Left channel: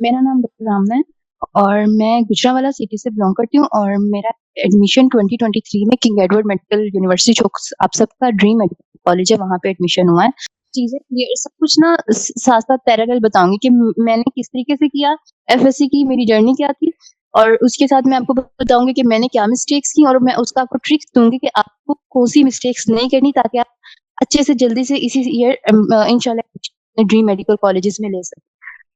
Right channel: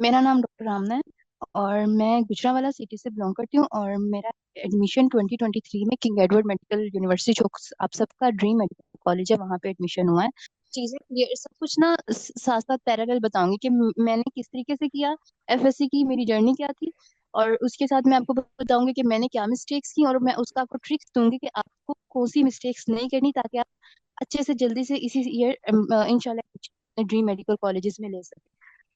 मेरा नाम डॉक्टर रामना है और मैं गुजरांवाला सिटी से बिलोंग करती हूँ और मेरा एडमिशन 2023 में किंग एडवर्ड मेडिकल यूनिवर्सिटी जो आप सबका ड्रीम मेडिकल कॉलेज है वहां पे एडमिशन हुआ है। चीजें क्लियर सब कुछ ना साथ साथ पैरेलल बताऊंगी कि मैंने किस तरीके से किया, एफएससी की मेरी जर्नी क्या थी, और उसके साथ मैं आपको बताऊंगी कि मैंने क्या मिस्टेक्स की और मैं उसका आपको ट्रिक्स दूंगी कि आपको कौन सी मिस्टेक्स नहीं करनी ताकि आप अच्छे से जल्दी से इसी ईयर इंशाल्लाह ड्रीम मेडिकल कॉलेजेस में ले सकें।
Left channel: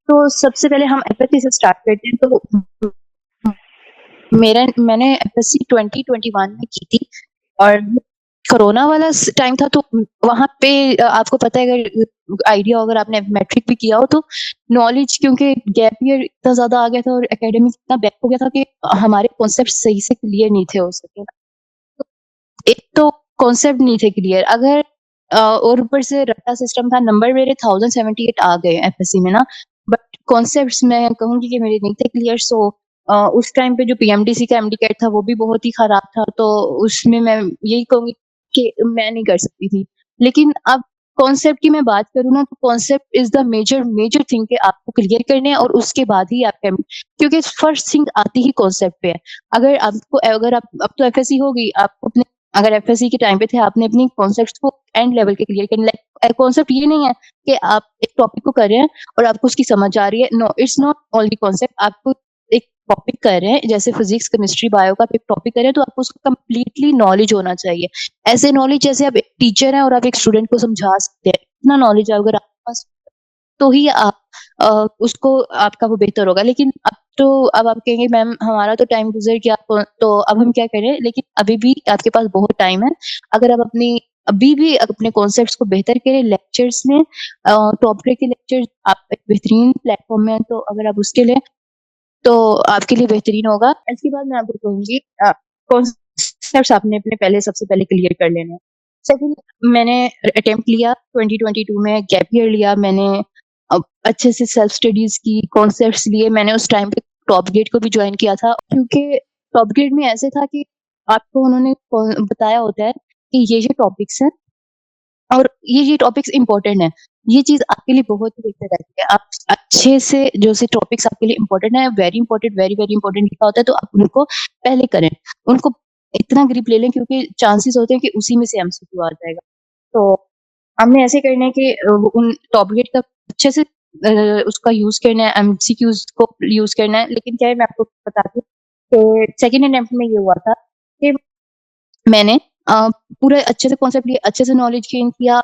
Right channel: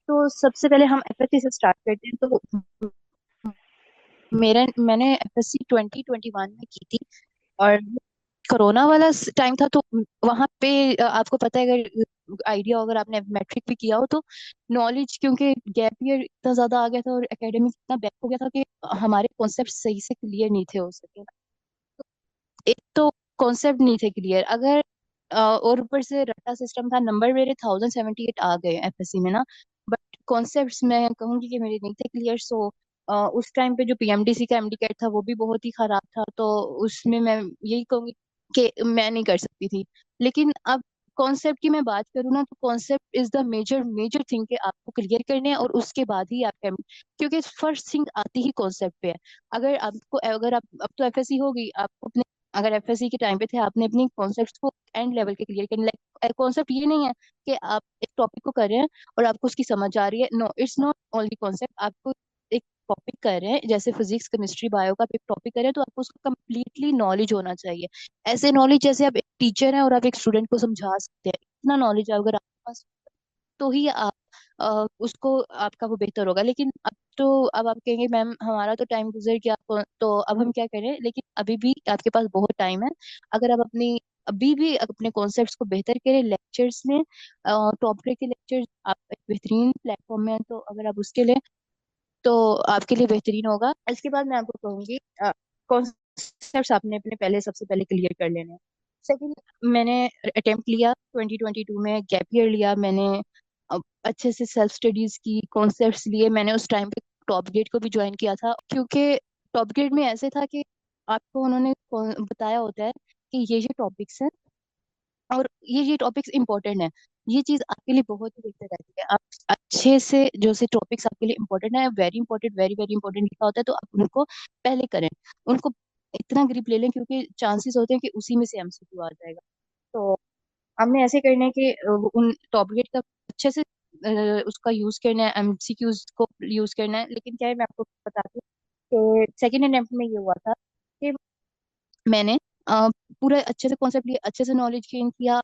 तो सबसे पहले हम एफएससी से स्टार्ट करते हैं। तो मैंने एफएससी 2021 में की थी और कोरोना वाला टाइम था। तो वहां पे आपको पता है, अगर आइडिया हो, अगर आपने मैट्रिक भी किया हो तो नॉलेज, क्योंकि गैप ईयर इतना ज्यादा आ गया था और एकेडमिक इतना बैक हो गया था कि हमारे कॉन्सेप्ट सही से क्लियर नहीं थे हो सके। एक तो कॉन्सेप्ट नहीं थे क्लियर, अगर और ऊपर से रट्टा सिस्टम था। नंबर मेरे 1078 आ गए एफएससी में ना, बट कॉन्सेप्ट्स मैं कहूंगी कि मेरे नहीं थे क्लियर। सो उस टाइम पे जो पीएमडीसी का एमडी कैट था वो भी बहुत ही खराब था, तो उसमें मैं यही कहूंगी कि मैं नहीं कर सकती थी। लेकिन अब कॉन्सेप्ट की मैं बात करूँ ना, तो concept is the major major thing कि आपको क्लियर करने हैं और उसके बाद ही आप क्योंकि फर्स्ट थिंग आती ही कॉन्सेप्ट पे है। अगर आप अब तो एफएससी हो गई, आपको अपने अगर एफएससी के टाइम पे थे आपने अपनी कॉन्सेप्ट को एंड लेवल के क्लियर करने। लाइक कॉन्सेप्ट ये नहीं है कि आप एक टॉपिक को कर रहे हैं और आपको उसकी समझ आ रही है। No, it's not only concept. आपको एक टॉपिक कर रहे हैं, जैसे फिजिक्स केमिस्ट्री बायो का आप एक टॉपिक कर रहे हैं, तो आपको उसका कंप्लीटली नॉलेज होना चाहिए। ऐसे नॉलेज जैसे आप एक टीचर हैं और आप एक स्टूडेंट को समझा सकते हैं, इतना नॉलेज अगर आपके पास तो ही आप उसको आपका वो बेहतर होगा। लेकिन अब आप कहेंगे मैम हमारा तो टाइम गुजर गया, तो अब हम क्या करें। लेकिन अभी भी आपके पास बहुत टाइम है। अगर आप अभी भी अपने कॉन्सेप्ट्स को बेहतर करें लेक्चर्स में, टॉप ग्रेड के लेक्चर्स आप एक बेहतरीन प्लेटफॉर्म में हैं, तो अगर आप उसके लिए तो आपके लिए बेहतरीन होगा। इसके बाद मैं आपको कहूंगी कॉन्सेप्ट्स आपने अपने पहले सबसे पहले क्लियर कर लेने हैं। सेकंड, मैंने अटेम्प्ट लिया 2022 में, गैप ईयर लिया मैंने। अब अच्छे से सेल्फ स्टडीज की, कॉन्सेप्ट्स लिए। मैंने उस टाइम पे टॉप ग्रेड को भी ज्वाइन किया था, क्योंकि टॉप ग्रेड में ऐसे था कि आपको उन्होंने बताया होता है कि ये टॉपिक्स हैं और ये टॉपिक्स इंपॉर्टेंट है। ये चीज आपके लिए बहुत ही बेहतर रहती है। आप अच्छे से जो से टॉपिक्स आपके लिए इंपॉर्टेंट है, very important, very very important लिखा होता है, तो आप उनको पहले करें, उनको इतना ग्रिप ले लें, क्योंकि चांसेस होते हैं कि उसी में से एमसीक्यू आ जाएगा। तो हमने ऐसे करना है कि उन टॉप ग्रेड का अच्छे से उसका यूज करना है, एमसीक्यूज को यूज करना है। लेकिन क्या है, मैं आपको बताती हूँ कि सेकेंड अटेम्प्ट में ये हुआ था कि मैंने पूरा अच्छे से कॉन्सेप्ट लिया, अच्छे से नॉलेज गेन किया,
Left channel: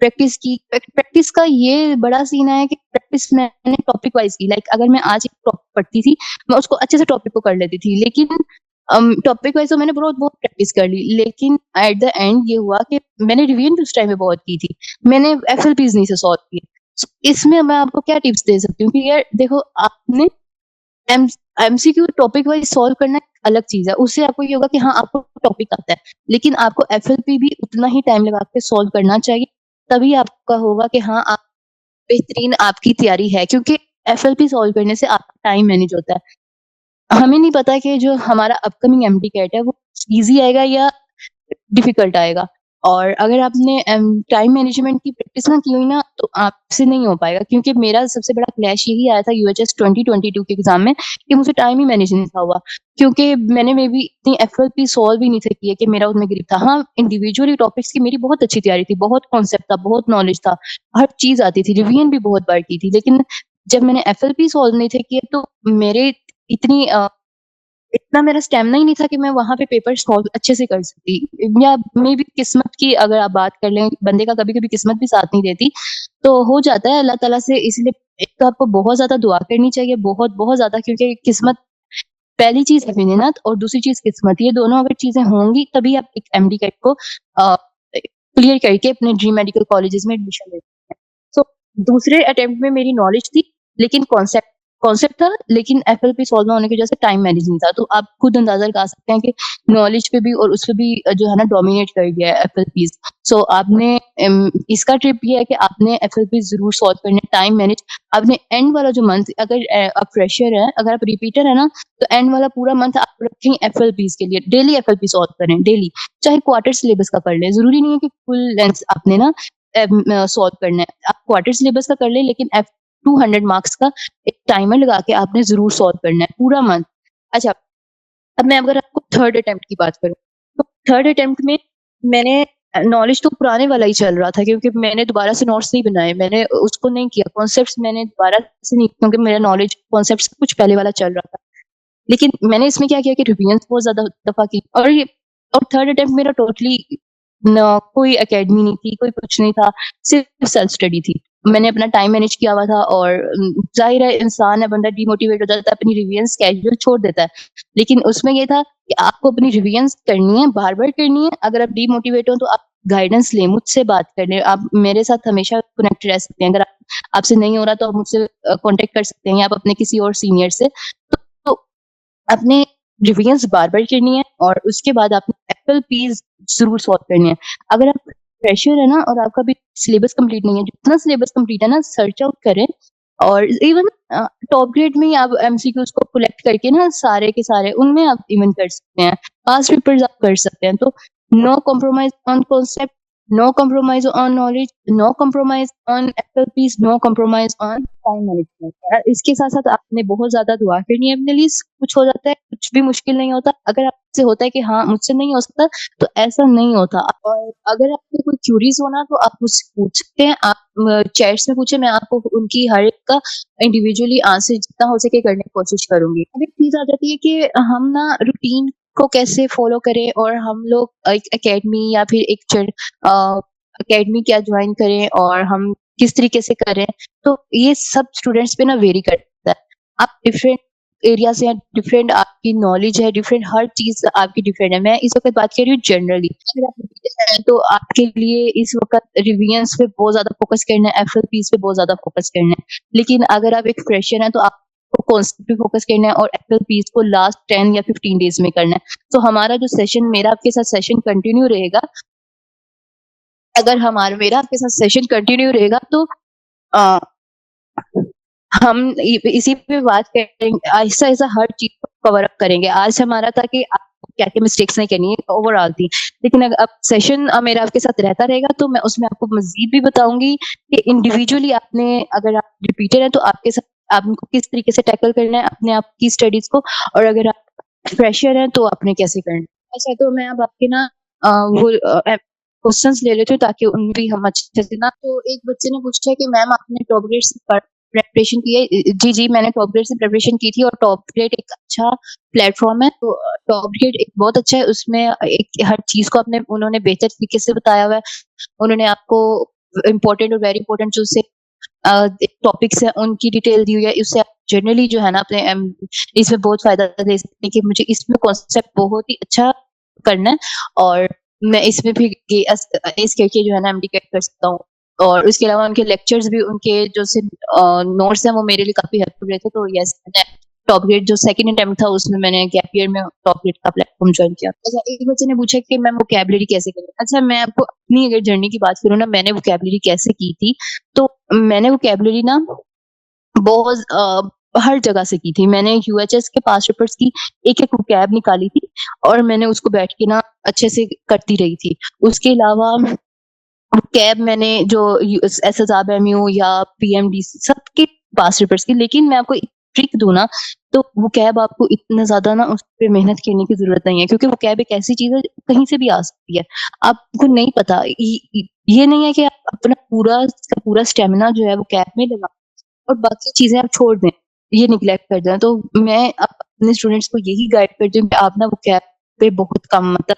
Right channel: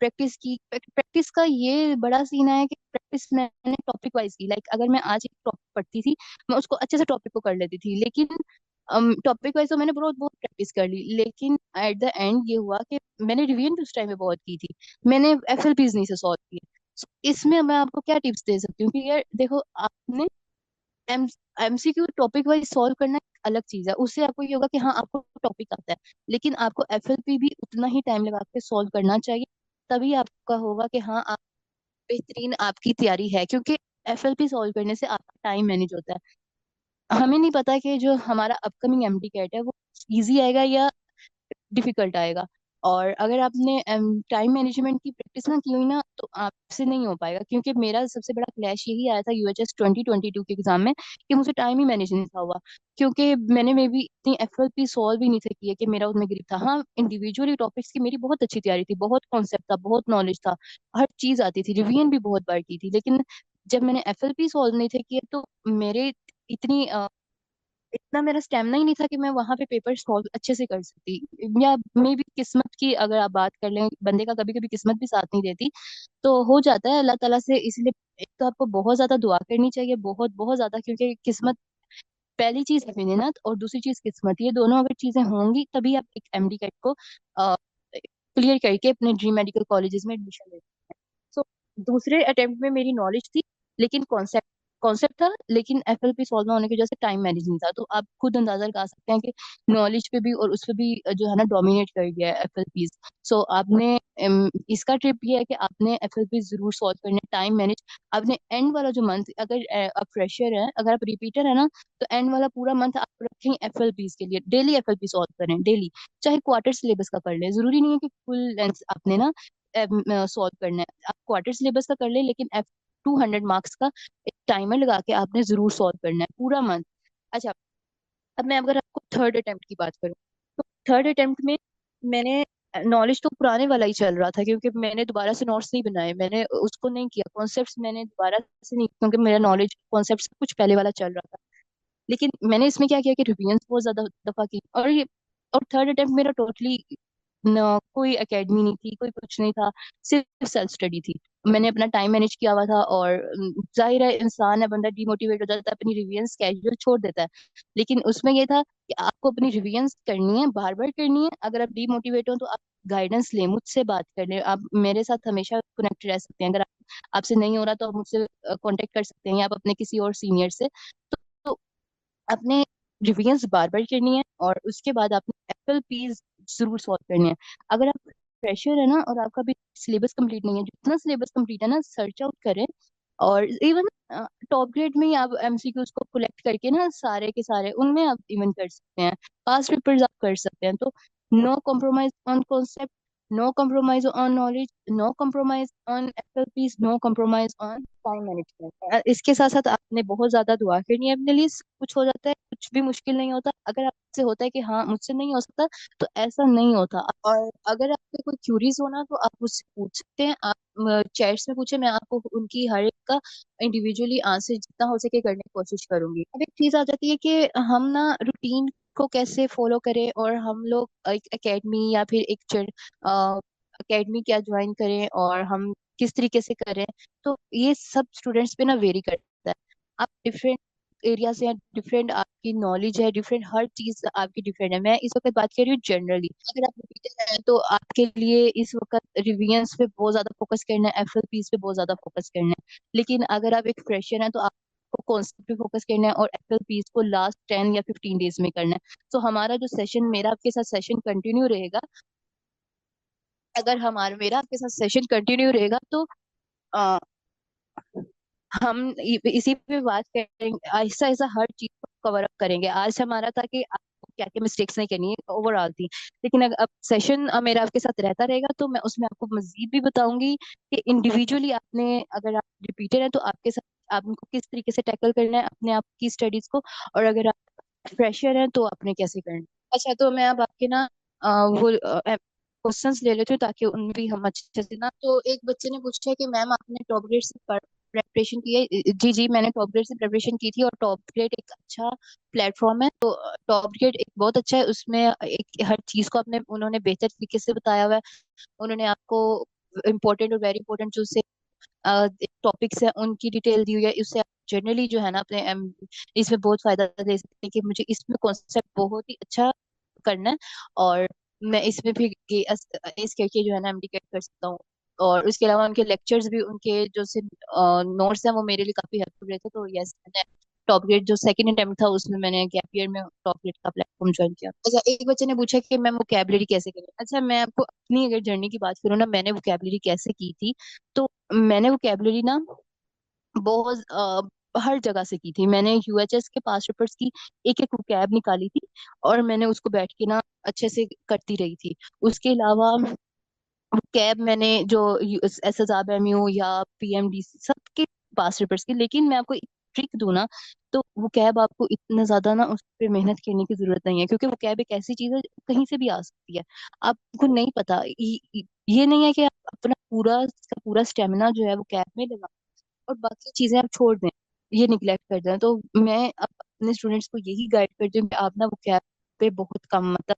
प्रैक्टिस की। प्रैक्टिस का ये बड़ा सीन है कि प्रैक्टिस मैंने टॉपिक वाइज की। लाइक अगर मैं आज एक टॉपिक पढ़ती थी, मैं उसको अच्छे से टॉपिक को कर लेती थी। लेकिन टॉपिक वाइज तो मैंने बहुत बहुत प्रैक्टिस कर ली, लेकिन एट द एंड ये हुआ कि मैंने रिवीजन भी उस टाइम में बहुत की थी, मैंने एफएलपीज नहीं से सॉल्व किए। So, इसमें मैं आपको क्या टिप्स दे सकती हूँ कि यार देखो, आपने M MCQ topic wise solve करना एक अलग चीज है। उससे आपको ये होगा कि हाँ आपको टॉपिक आता है, लेकिन आपको एफएलपी भी उतना ही टाइम लगा के सॉल्व करना चाहिए। तभी आपका होगा कि हाँ आप बेहतरीन आपकी तैयारी है, क्योंकि एफएलपी सॉल्व करने से आपका टाइम मैनेज होता है। हमें नहीं पता कि जो हमारा अपकमिंग एमडी कैट है वो इजी आएगा या डिफिकल्ट आएगा। और अगर आपने टाइम मैनेजमेंट की प्रैक्टिस ना की हुई ना, तो आपसे नहीं हो पाएगा। क्योंकि मेरा सबसे बड़ा क्लैश यही आया था यूएचएस 2022 के एग्जाम में कि मुझे टाइम ही मैनेज नहीं था हुआ, क्योंकि मैंने मे भी इतनी एफएलपी सॉल्व ही नहीं थे किए कि मेरा उसमें ग्रिप था। हाँ, इंडिविजुअली टॉपिक्स की मेरी बहुत अच्छी तैयारी थी, बहुत कॉन्सेप्ट था, बहुत नॉलेज था, हर चीज आती थी, रिवीजन भी बहुत बार की थी। लेकिन जब मैंने एफएलपी सॉल्व नहीं थे किए, तो मेरे इतनी इतना मेरा स्टेमिना ही नहीं था कि मैं वहां पे पेपर सॉल्व अच्छे से कर सकती। या मे भी किस्मत की अगर आप बात कर लें, बंदे का कभी कभी किस्मत भी साथ नहीं देती, तो हो जाता है अल्लाह ताला से। इसलिए एक तो आपको बहुत ज्यादा दुआ करनी चाहिए, बहुत बहुत ज्यादा, क्योंकि किस्मत पहली चीज है मेहनत और दूसरी चीज किस्मत। ये दोनों अगर चीजें होंगी तभी आप एक एमडी कैट को क्लियर करके अपने ड्रीम मेडिकल कॉलेजेस में एडमिशन ले सकते हैं। सो दूसरे अटेम्प्ट में मेरी नॉलेज थी, लेकिन कॉन्सेप्ट कॉन्सेप्ट था, लेकिन एफएलपी सॉल्व ना होने की वजह से टाइम मैनेज नहीं था। तो आप खुद अंदाजा लगा सकते हैं कि नॉलेज पे भी और उस पे भी जो है ना डोमिनेट कर गया है एफएलपी। सो आपने इसका ट्रिप ये है कि आपने एफएलपी जरूर सॉल्व करने, टाइम मैनेज। आपने एंड वाला जो मंथ, अगर आप फ्रेशर है, अगर आप रिपीटर है ना, तो एंड वाला पूरा मंथ आप रखें एफएलपीज के लिए। डेली एफएलपी सॉल्व करें, डेली। चाहे क्वार्टर सिलेबस का कर ले, जरूरी नहीं है कि फुल लेंथ आपने ना सॉल्व करना है। आप क्वार्टर सिलेबस का कर ले, लेकिन 200 मार्क्स का एक टाइमर लगा के आपने जरूर सॉल्व करना है पूरा मंथ। अच्छा, अब मैं अगर आपको थर्ड अटेम्प्ट की बात करूँ, तो थर्ड अटेम्प्ट में मैंने नॉलेज तो पुराने वाला ही चल रहा था, क्योंकि मैंने दोबारा से नोट्स नहीं बनाए, मैंने उसको नहीं किया, कॉन्सेप्ट्स मैंने दोबारा से नहीं, क्योंकि मेरा नॉलेज कॉन्सेप्ट्स कुछ पहले वाला चल रहा था। लेकिन मैंने इसमें क्या किया कि रिवीजन बहुत ज्यादा दफा की, और थर्ड अटेम्प्ट मेरा टोटली न कोई एकेडमी नहीं थी, कोई कुछ नहीं था, सिर्फ सेल्फ स्टडी थी। मैंने अपना टाइम मैनेज किया हुआ था, और जाहिर है इंसान है, बंदा डिमोटिवेट हो जाता है, अपनी रिवीजन स्केड्यूल छोड़ देता है। लेकिन उसमें ये था कि आपको अपनी रिवीजन करनी है, बार बार करनी है। अगर आप डिमोटिवेट हो तो आप गाइडेंस लें, मुझसे बात कर लें, आप मेरे साथ हमेशा कनेक्ट रह सकते हैं। अगर आपसे नहीं हो रहा तो आप मुझसे कांटेक्ट कर सकते हैं, या आप अपने किसी और सीनियर से। तो अपने रिवीजन बार बार करनी है, और उसके बाद आपने एप्पल पीस जरूर सॉल्व करनी है। अगर आप फ्रेशर है ना, और आपका भी सिलेबस कंप्लीट नहीं है, जितना सिलेबस कंप्लीट है ना, सर्च आउट करें। और इवन टॉप ग्रेड में ही आप एमसीक्यूज को कलेक्ट करके ना, सारे के सारे उनमें आप इवन कर सकते हैं, पास पेपर्स आप कर सकते हैं। तो no compromise on concept, no compromise on knowledge, no compromise on apple piece, no compromise on time management. इसके साथ साथ आपने बहुत ज्यादा दुआ करनी है अपने लिए। कुछ हो जाता है, कुछ भी मुश्किल नहीं होता। अगर आपसे होता है कि हाँ मुझसे नहीं हो सकता, तो ऐसा नहीं होता। और अगर आपको कोई क्यूरीज हो ना, तो आप मुझसे पूछ सकते हैं, आप चैट्स में पूछे, मैं आपको उनकी हर एक का इंडिविजुअली आंसर जितना हो सके करने की कोशिश करूंगी। अब एक चीज आ जाती है कि हम ना रूटीन को कैसे फॉलो करें, और हम लोग एक एकेडमी या फिर एक एकेडमी क्या ज्वाइन करें, और हम किस तरीके से करें। तो ये सब स्टूडेंट्स पे ना वेरी करता है। आप डिफरेंट एरिया से हैं, डिफरेंट आपकी नॉलेज है, डिफरेंट हर चीज आपकी डिफरेंट है। मैं इस वक्त बात कर रही हूँ जनरली। अगर आप रिपीटर हैं तो आपके लिए इस वक्त रिवीजन पे बहुत ज्यादा फोकस करना है, एफएलपीज पे बहुत ज्यादा फोकस करना है। लेकिन अगर आप एक फ्रेशर हैं तो आपको कॉन्सेप्ट पे फोकस करना है, और एफएलपीज को लास्ट 10 या 15 डेज में करना है। तो हमारा जो सेशन, मेरा आपके साथ सेशन कंटिन्यू रहेगा। अगर हमारा मेरा आपके साथ सेशन कंटिन्यू रहेगा, तो आ, हम इसी पे बात करेंगे, ऐसा ऐसा हर चीज को कवर अप करेंगे। आज हमारा था कि आपको क्या क्या मिस्टेक्स नहीं करनी है ओवरऑल थी। लेकिन अगर अब सेशन मेरा आपके साथ रहता रहेगा, तो मैं उसमें आपको मजीद भी बताऊंगी कि इंडिविजुअली आपने, अगर आप रिपीटर हैं तो आपके साथ आपको किस तरीके से टैकल करना है अपने आप की स्टडीज को, और अगर आप फ्रेशर हैं तो आपने कैसे करना है। अच्छा, तो मैं अब आपके ना वो क्वेश्चंस ले लेती हूँ, ताकि उनमें भी हम अच्छे से ना। तो एक बच्चे ने पूछा है कि मैम आपने टॉप ग्रेड से प्रेपरेशन की है? जी जी, मैंने टॉप ग्रेड से प्रिपरेशन की थी, और टॉप ग्रेड एक अच्छा प्लेटफॉर्म है। तो टॉप ग्रेड एक बहुत अच्छा है, उसमें एक हर चीज को अपने उन्होंने बेहतर तरीके से बताया हुआ है। उन्होंने आपको इम्पोर्टेंट और वेरी इंपॉर्टेंट जो से टॉपिक्स है उनकी डिटेल दी हुई है। इससे आप जनरली जो है ना अपने इसमें बहुत फायदा दे सकते हैं, कि मुझे इसमें कॉन्सेप्ट बहुत ही अच्छा करना है, और मैं इसमें भी इस करके जो है ना एमडी कर सकता हूँ। और उसके अलावा उनके लेक्चर्स भी, उनके जो से नोट्स हैं, वो मेरे लिए काफी हेल्पफुल रहे थे। तो यस, मैंने टॉप ग्रेड जो सेकंड अटेम्प्ट था उसमें मैंने गैप ईयर में टॉप ग्रेड का प्लेटफॉर्म ज्वाइन किया। अच्छा, एक बच्चे ने पूछा कि मैम वोकैबुलरी कैसे करें। अच्छा, मैं आपको अपनी अगर जर्नी की बात करूँ ना, मैंने वोकैबुलरी कैसे की थी। तो मैंने वोकैबुलरी ना बहुत हर जगह से की थी। मैंने यूएचएस के पास पेपर्स की एक एक वोकैब निकाली थी, और मैंने उसको बैठ के ना अच्छे से करती रही थी। उसके अलावा कैब मैंने जो एसएसआरएमयू या पीएमडीसी सबके पास पेपर्स की। लेकिन मैं आपको ट्रिक दूं ना, तो वो कैब आपको इतना ज्यादा ना उस पर मेहनत करने की जरूरत नहीं है, क्योंकि वो कैब एक ऐसी चीज है कहीं से भी आ सकती है। आपको नहीं पता, ये नहीं है कि आप अपना पूरा स्टेमिना जो है वो कैब में लगा, और बाकी चीजें आप छोड़ दें, ये निग्लेक्ट कर दें। तो मैं अपने स्टूडेंट्स को यही गाइड करती हूँ कि आप ना वो कैब पे बहुत कम, मतलब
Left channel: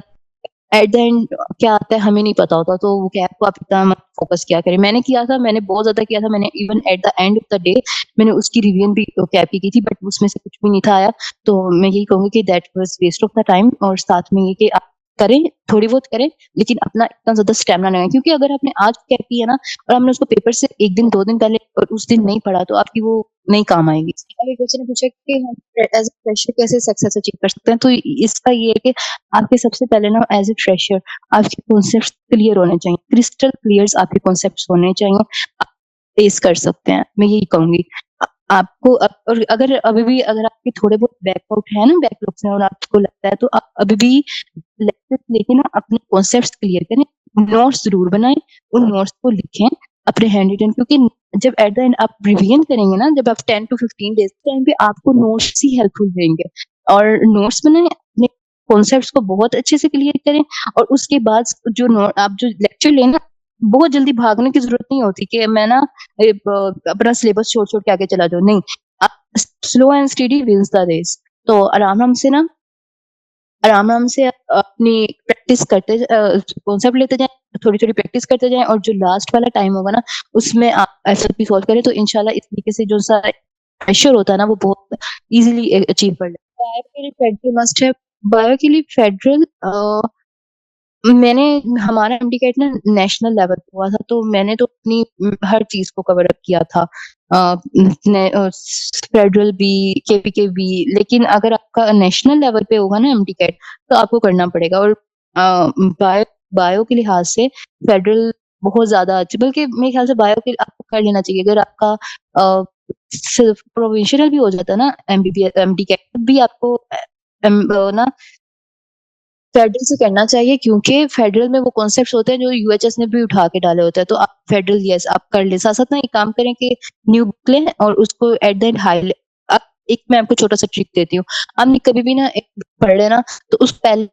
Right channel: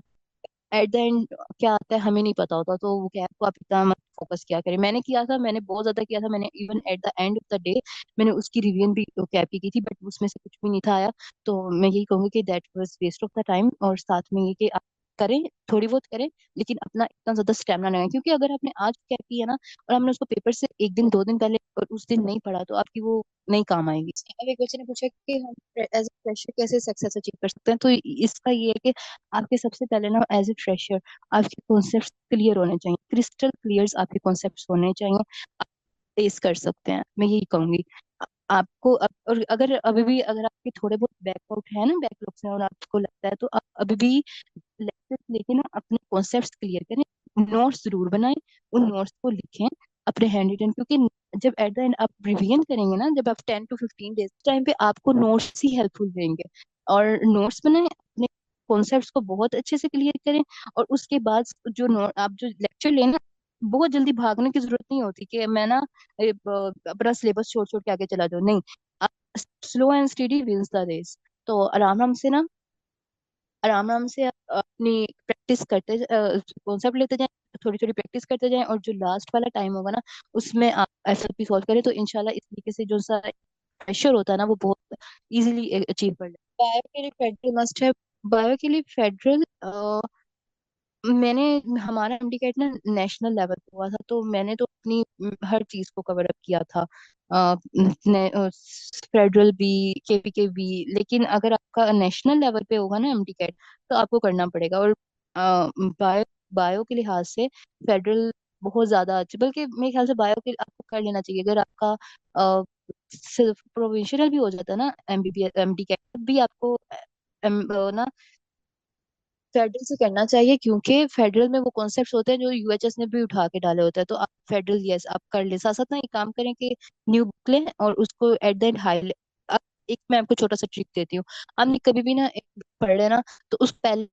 एट द एंड क्या आता है हमें नहीं पता होता। तो वो कैब को आप इतना मत फोकस किया करें। मैंने किया था, मैंने बहुत ज्यादा किया था। मैंने even at the end of the day मैंने उसकी रिवीजन भी कैब की थी, बट उसमें से कुछ भी नहीं था आया। तो मैं यही कहूंगी कि that was waste of the time. और साथ में ये कि आप करें, थोड़ी बहुत करें, लेकिन अपना इतना ज्यादा स्टेमिना लगाएं, क्योंकि अगर आपने आज कैब की है ना, और हमने उसको पेपर से एक दिन 2 दिन पहले और उस दिन नहीं पढ़ा, तो आपकी वो नहीं काम आएगी। अब एक बच्चे ने पूछा कि हम एज ए फ्रेशर कैसे सक्सेस अचीव कर सकते हैं। तो इसका ये है कि आपके सबसे पहले ना एज ए फ्रेशर आपके कॉन्सेप्ट क्लियर होने चाहिए, क्रिस्टल क्लियर आपके कॉन्सेप्ट होने चाहिए। आप फेस कर सकते हैं, मैं यही कहूंगी। आपको और अगर अभी भी अगर आपके थोड़े बहुत बैकआउट है ना, बैकलॉग्स हैं, और आपको लगता है, तो आप अभी भी लेक्चर लेके ना अपने कॉन्सेप्ट्स क्लियर करें, नोट्स जरूर बनाएं, उन नोट्स को लिखें, अपने हैंड रिटन, क्योंकि जब एट द एंड आप रिवीजन करेंगे ना, जब आप 10 to 15 डेज टाइम पे आपको नोट्स ही हेल्पफुल रहेंगे। और नोट्स बनाए, अपने कॉन्सेप्ट्स को बहुत अच्छे से क्लियर करें। और उसके बाद जो आप जो लेक्चर लेना, बहुत जल्दी भागने की जरूरत नहीं होती कि मैं ना अपना सिलेबस छोड़ छोड़ के आगे चला जाऊं, नहीं। आप slow and steady wins the race. तो आराम आराम से ना, आराम आराम से अपनी प्रैक्टिस करते, कॉन्सेप्ट लेते जाएं, थोड़ी थोड़ी प्रैक्टिस करते जाएं, और जो लास्ट वाला टाइम होगा ना, उसमें आप एसएलपी सॉल्व करें, तो इंशाल्लाह इस तरीके से जो सा प्रेशर होता है ना, वो बहुत इजीली अचीव कर ले। बायो के लिए फेडरल मस्ट है। बायो के लिए फेडरल, मैंने हमारा एमडी ना नेशनल लेवल पे हुआ था, तो मैंने तो अपनी हर चीज को कवर अप किया था, फेडरल भी, केपीके भी। लेकिन अगर आपका नेशनल लेवल पे होगा ना एमडी तो आपको करना पड़ेगा। और बायो बायो के लिहाज से फेडरल बहुत ज्यादा अच्छी, बल्कि मेरे ख्याल से बायो के आपको कर लेना चाहिए। अगर आपका सिर्फ प्रोविंशियल भी हो जाता है ना एमबीबीएस एमडी कैट, भी आपको ना फेडरल से करना चाहिए, क्योंकि फेडरल में वो कॉन्सेप्ट्स होते हैं जो यूएचएस ने भी उठा के डाले होते हैं। तो आप फेडरल, यस, आप कर ले। साथ साथ ना एक काम करें कि न्यू बुक लें और उसको एट द एंड हाईलाइट। आप एक, मैं आपको छोटा सा ट्रिक देती हूँ। आपने कभी भी ना एक book पढ़ लेना, तो उस पहले,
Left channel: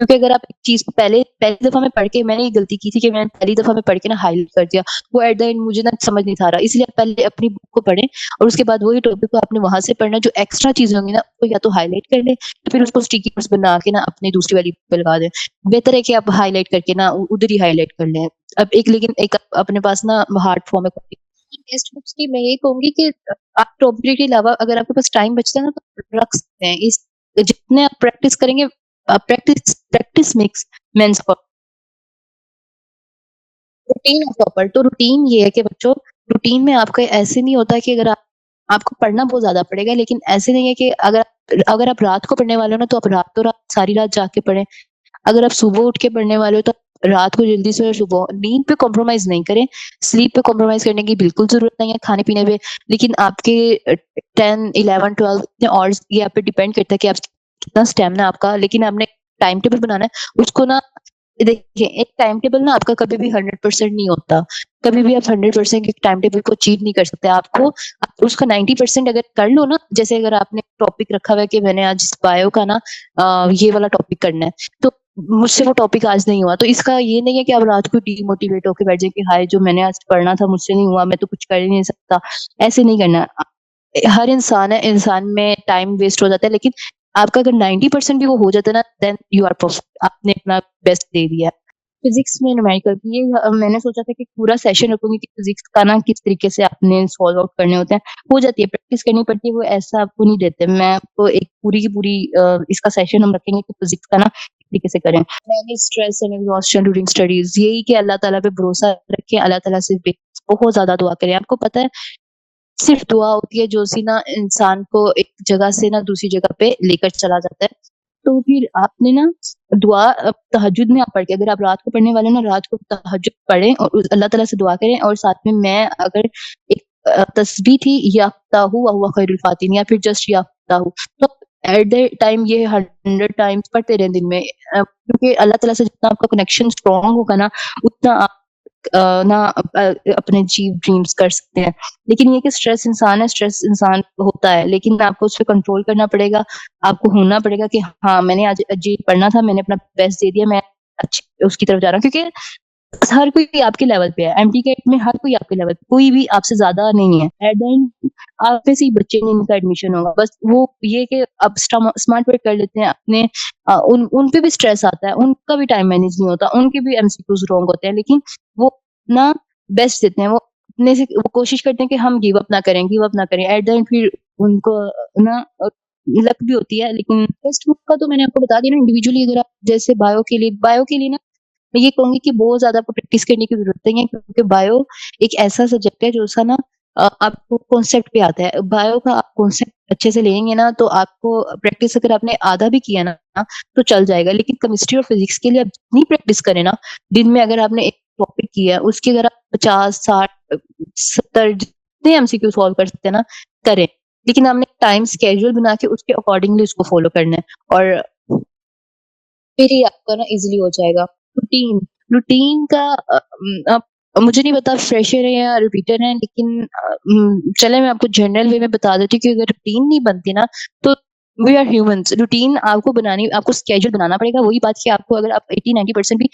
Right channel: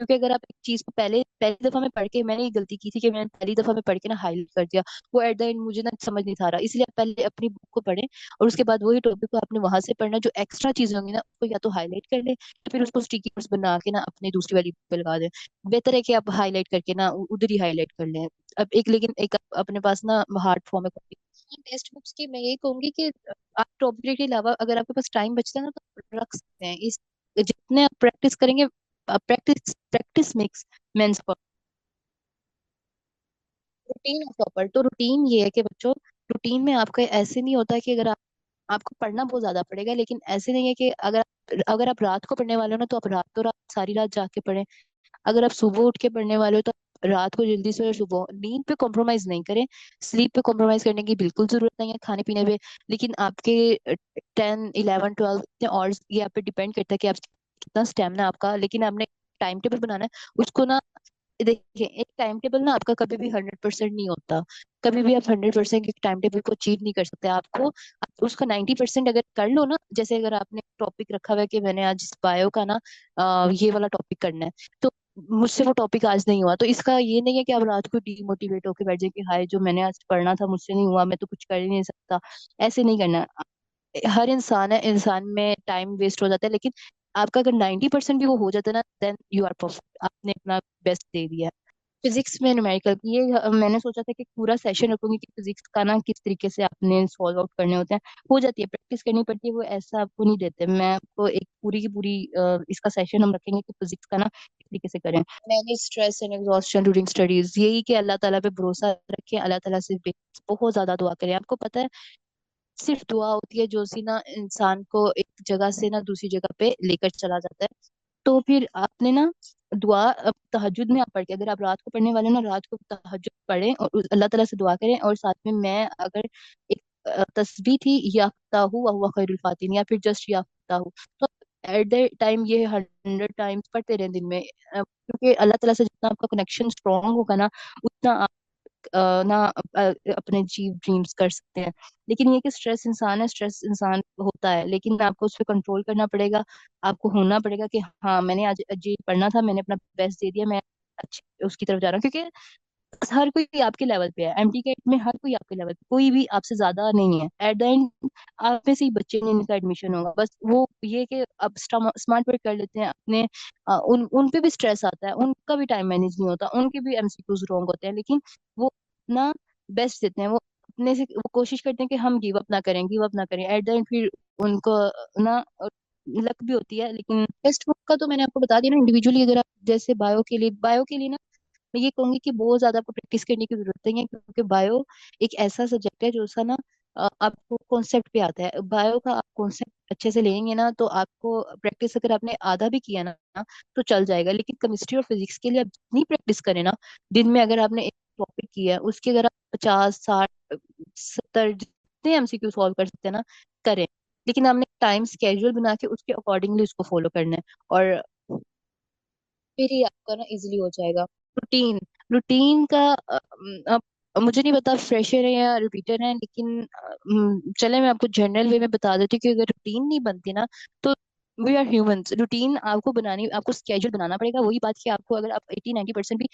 क्योंकि अगर आप एक चीज को पहले पहली दफा में पढ़ के, मैंने ये गलती की थी कि मैंने पहली दफा में पढ़ के ना हाईलाइट कर दिया, वो एट द एंड मुझे ना समझ नहीं था रहा। इसलिए आप पहले अपनी बुक को पढ़ें, और उसके बाद वही टॉपिक को आपने वहां से पढ़ना, जो एक्स्ट्रा चीजें होंगी ना उसको या तो हाईलाइट कर लें, तो फिर उसको स्टिकी नोट्स बना के ना अपनी दूसरी वाली बुक पे लगा दें। बेहतर है कि आप हाईलाइट करके ना उधर ही हाईलाइट कर लें। अब एक, लेकिन एक अपने पास ना हार्ड फॉर्म है टेक्स्ट बुक्स की, मैं यही कहूंगी कि आप टॉपिक के अलावा अगर आपके पास टाइम बचता है ना, तो रख सकते हैं। इस जितने आप प्रैक्टिस करेंगे, practice practice makes mains routine of topper. तो रूटीन ये है कि बच्चों, रूटीन में आपका ऐसे नहीं होता कि अगर आप, आपको पढ़ना बहुत ज्यादा पड़ेगा, लेकिन ऐसे नहीं है कि अगर आप रात को पढ़ने वाले हो ना, तो आप रात तो रात सारी रात जाके पढ़ें। अगर आप सुबह उठ के पढ़ने वाले हो, तो रात को जल्दी से, सुबह नींद पे कॉम्प्रोमाइज नहीं करें। स्लीप पे कॉम्प्रोमाइज करने की बिल्कुल जरूरत नहीं है, खाने पीने पे। लेकिन आपके 10, 11, 12 इतने और ये आप पे डिपेंड करता है कि आप कितना स्टेमिना आपका। लेकिन आपने टाइम टेबल बनाना है उसको ना। देखिए, एक टाइम टेबल ना आपका कभी भी 100% नहीं होता। कभी भी आप 100% एक टाइम टेबल को अचीव नहीं कर सकते। आपको आप उसका 90% अगर कर लो ना, जैसे अगर आपने टॉपिक रखा हुआ है कि मैंने आज बायो का ना ये वाला टॉपिक करना है, तो मुझसे वो टॉपिक आज नहीं हुआ, तो इसका ये नहीं है कि आप रात को डिमोटिवेट होकर बैठ जाए कि हाय, जो मैंने आज पढ़ना था मुझसे नहीं हुआ, मैं तो कुछ कर ही नहीं सकता। ऐसे नहीं करना। हर इंसान है, इंसान में टाइम वेस्ट हो जाता है, लेकिन आपका अगर 90% भी वो हो जाता है ना, देन यू आर परफेक्ट, आपने अपना बेस्ट दे दिया। फिजिक्स में न्यूमेरिकल की ये मैंने सोचा था कि पूरा सेशन रखूंगी कि फिजिक्स का ना किस तरीके से आपने सॉल्व आउट करने होते हैं। हो जाती है, प्रैक्टिस करनी पड़ती है, वो ऐसा आपको नहीं देते। मैं आपको एक पूरी की पूरी इसका सेशन हम रखेंगे कि फिजिक्स का ना किस तरीके से करें। मैंने stress and exhaustion during studies, यही कि अल्लाह ताला पे भरोसा रखें, अल्लाह ताला से बहुत ज्यादा दुआ करें। आपको पता है, सिर्फ दुआ होती है जो सी ना इंसान को एक जगह से ना दूसरी जगह पे लेकर चला जाता है। तो फिर आपने ना दुआ तहज्जुद में आप पढ़ के, अगर आप रात को पढ़ने वाले ना, रात को तहज्जुद पढ़ें और अल्लाह ताला से दुआ करें। और साथ में मैं अगर एक तस्बीह थी, याफ्ताहु व हुवा खैरुल फातिन, या फिर जस्ट याफ्ताहु, तो एट द टाइम ये 100 टाइम्स पढ़ते रहे दिन में। क्योंकि अल्लाह ताला से जितना आपका कनेक्शन स्ट्रांग होगा ना, उतना अपने जीव ड्रीम्स कर सकते हैं। लेकिन ये कि स्ट्रेस इंसान है, स्ट्रेस इंसान होता है, लेकिन आपको उस पर कंट्रोल करना पड़ेगा। आपको होना पड़ेगा कि हाँ, मैंने आज जी पढ़ना था, मैंने अपना बेस्ट दे दिया, मैं अच्छी उसकी तरफ जा रहा हूँ। क्योंकि हर कोई आपके लेवल पे है, एमटी गेट में हर कोई आपके लेवल पे, कोई भी आपसे ज्यादा नहीं है। एट द एंड आप में से ही बच्चे नहीं, इनका एडमिशन होगा। बस वो ये कि अब स्मार्ट वर्क कर लेते हैं अपने, उन पे भी स्ट्रेस आता है, उनका भी टाइम मैनेज नहीं होता, उनके भी एमसीक्यूज रॉन्ग होते हैं, लेकिन वो ना बेस्ट देते हैं। वो अपने से वो कोशिश करते हैं कि हम गिव अप ना करें, गिव अप ना करें। एट द एंड फिर उनको ना लक भी होती है। लेकिन टेक्स्ट बुक का तो मैंने आपको बता दिया ना। इंडिविजुअली अगर आप जैसे बायो के लिए ना, मैं ये कहूंगी कि बहुत ज्यादा आपको प्रैक्टिस करने की जरूरत नहीं है, क्योंकि बायो एक ऐसा सब्जेक्ट है जो सा ना आपको कॉन्सेप्ट पे आता है। बायो का आप कॉन्सेप्ट अच्छे से लेंगे ना, तो आपको प्रैक्टिस अगर आपने आधा भी किया ना, तो चल जाएगा। लेकिन केमिस्ट्री और फिजिक्स के लिए आप जितनी प्रैक्टिस करें ना, दिन में अगर आपने एक टॉपिक किया है, उसकी अगर आप 50, 60, 70 जितने एमसीक्यू सॉल्व कर सकते हैं ना, करें। लेकिन आपने टाइम स्केड्यूल बना के उसके अकॉर्डिंगली उसको फॉलो करना है, और फिर ही आपका ना इजीली हो जाएगा। रूटीन रूटीन का मुझे नहीं पता फ्रेशर है या रिपीटर है, लेकिन चले मैं आपको जनरल वे में बता देती हूँ कि अगर रूटीन नहीं बनती ना, तो वी आर ह्यूमंस। रूटीन आपको बनानी, आपको स्केड्यूल बनाना पड़ेगा। वही बात कि आपको अगर आप 80-90% भी,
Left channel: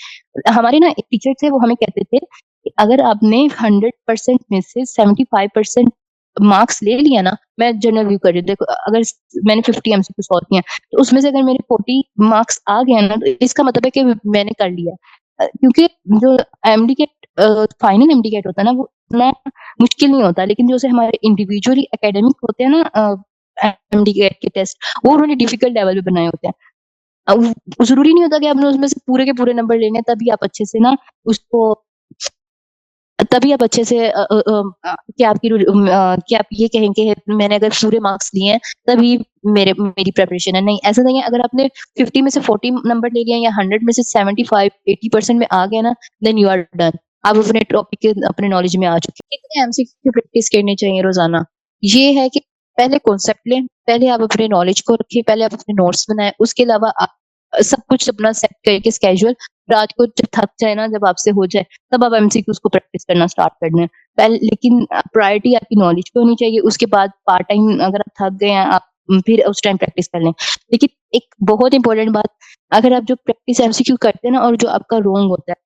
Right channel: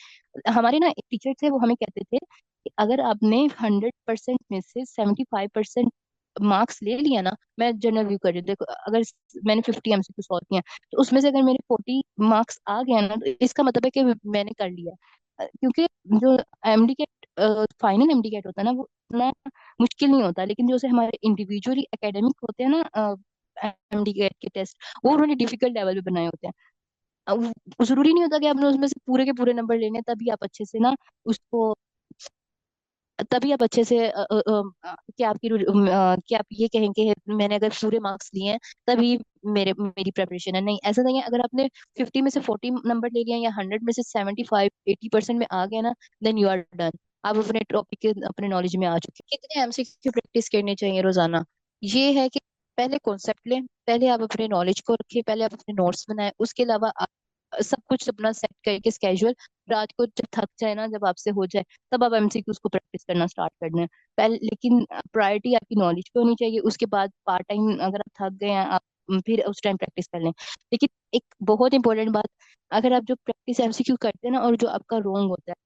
हमारे ना एक टीचर थे वो हमें कहते थे कि अगर आपने 100% में से 75% मार्क्स ले लिया ना, मैं जनरल व्यू कर रही हूँ, देखो अगर मैंने 50 एमसीक्यू सॉल्व किया तो उसमें से अगर मेरे 40 मार्क्स आ गए ना, तो इसका मतलब है कि मैंने कर लिया। क्योंकि जो एमडी के फाइनल एमडी गेट होता है ना, वो इतना मुश्किल नहीं होता, लेकिन जो से हमारे इंडिविजुअली एकेडमिक होते हैं ना एमडी गेट के टेस्ट, वो उन्होंने डिफिकल्ट लेवल पे बनाए होते हैं। अब जरूरी नहीं होता कि आपने उसमें से पूरे के पूरे नंबर लेने हैं, तभी आप अच्छे से ना उसको, तभी आप अच्छे से कि आप ये कहेंगे मैंने अगर पूरे मार्क्स लिए हैं तभी मेरी प्रिपरेशन है। नहीं, ऐसा नहीं है। अगर आपने 50 में से 40 नंबर ले लिया या 100 में से 75-80% में आ गया ना, देन यू आर डन। आप अपने टॉपिक के अपने नॉलेज में आ चुके हैं। कितने एमसीक्यू प्रैक्टिस करनी चाहिए रोजाना? ये है कि पहले कॉन्सेप्ट लें, पहले आप अपने नॉलेज को रखिए, पहले आप अपने नोट्स बनाएं, उसके अलावा आप सब कुछ अपना सेट करके स्केड्यूल, रात को जब थक जाए ना, जब आपसे हो जाए, तब आप एमसीक्यूज को प्रैक्टिस करना स्टार्ट कर दें। पहले लेकिन प्रायोरिटी आपकी नॉलेज पे होनी चाहिए। उसके बाद पार्ट टाइम अगर आप थक गए हैं, आप फिर उस टाइम प्रैक्टिस कर लें। लेकिन एक बहुत इंपॉर्टेंट बात, अगर आप जो प्रैक्टिस एमसीक्यू करते हैं ना और जो आपका रॉन्ग होता है,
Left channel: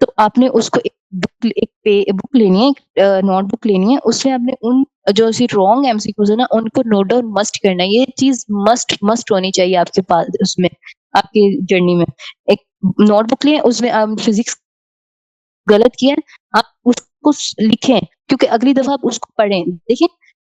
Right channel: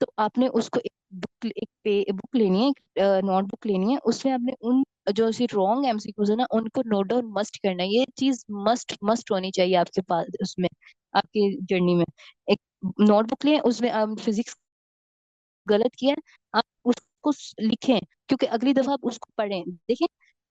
तो आपने उसको एक बुक लेनी है, एक नोटबुक लेनी है, उसमें आपने उन जो सी रॉन्ग एमसीक्यूज है ना, उनको नोट डाउन मस्ट करना है। ये चीज मस्ट मस्ट होनी चाहिए आपके पास उसमें, आपकी जर्नी में। एक नोटबुक लें, उसमें आप फिजिक्स गलत किया है, आप उसको लिखें, क्योंकि अगली दफा आप उसको पढ़ें। देखिए,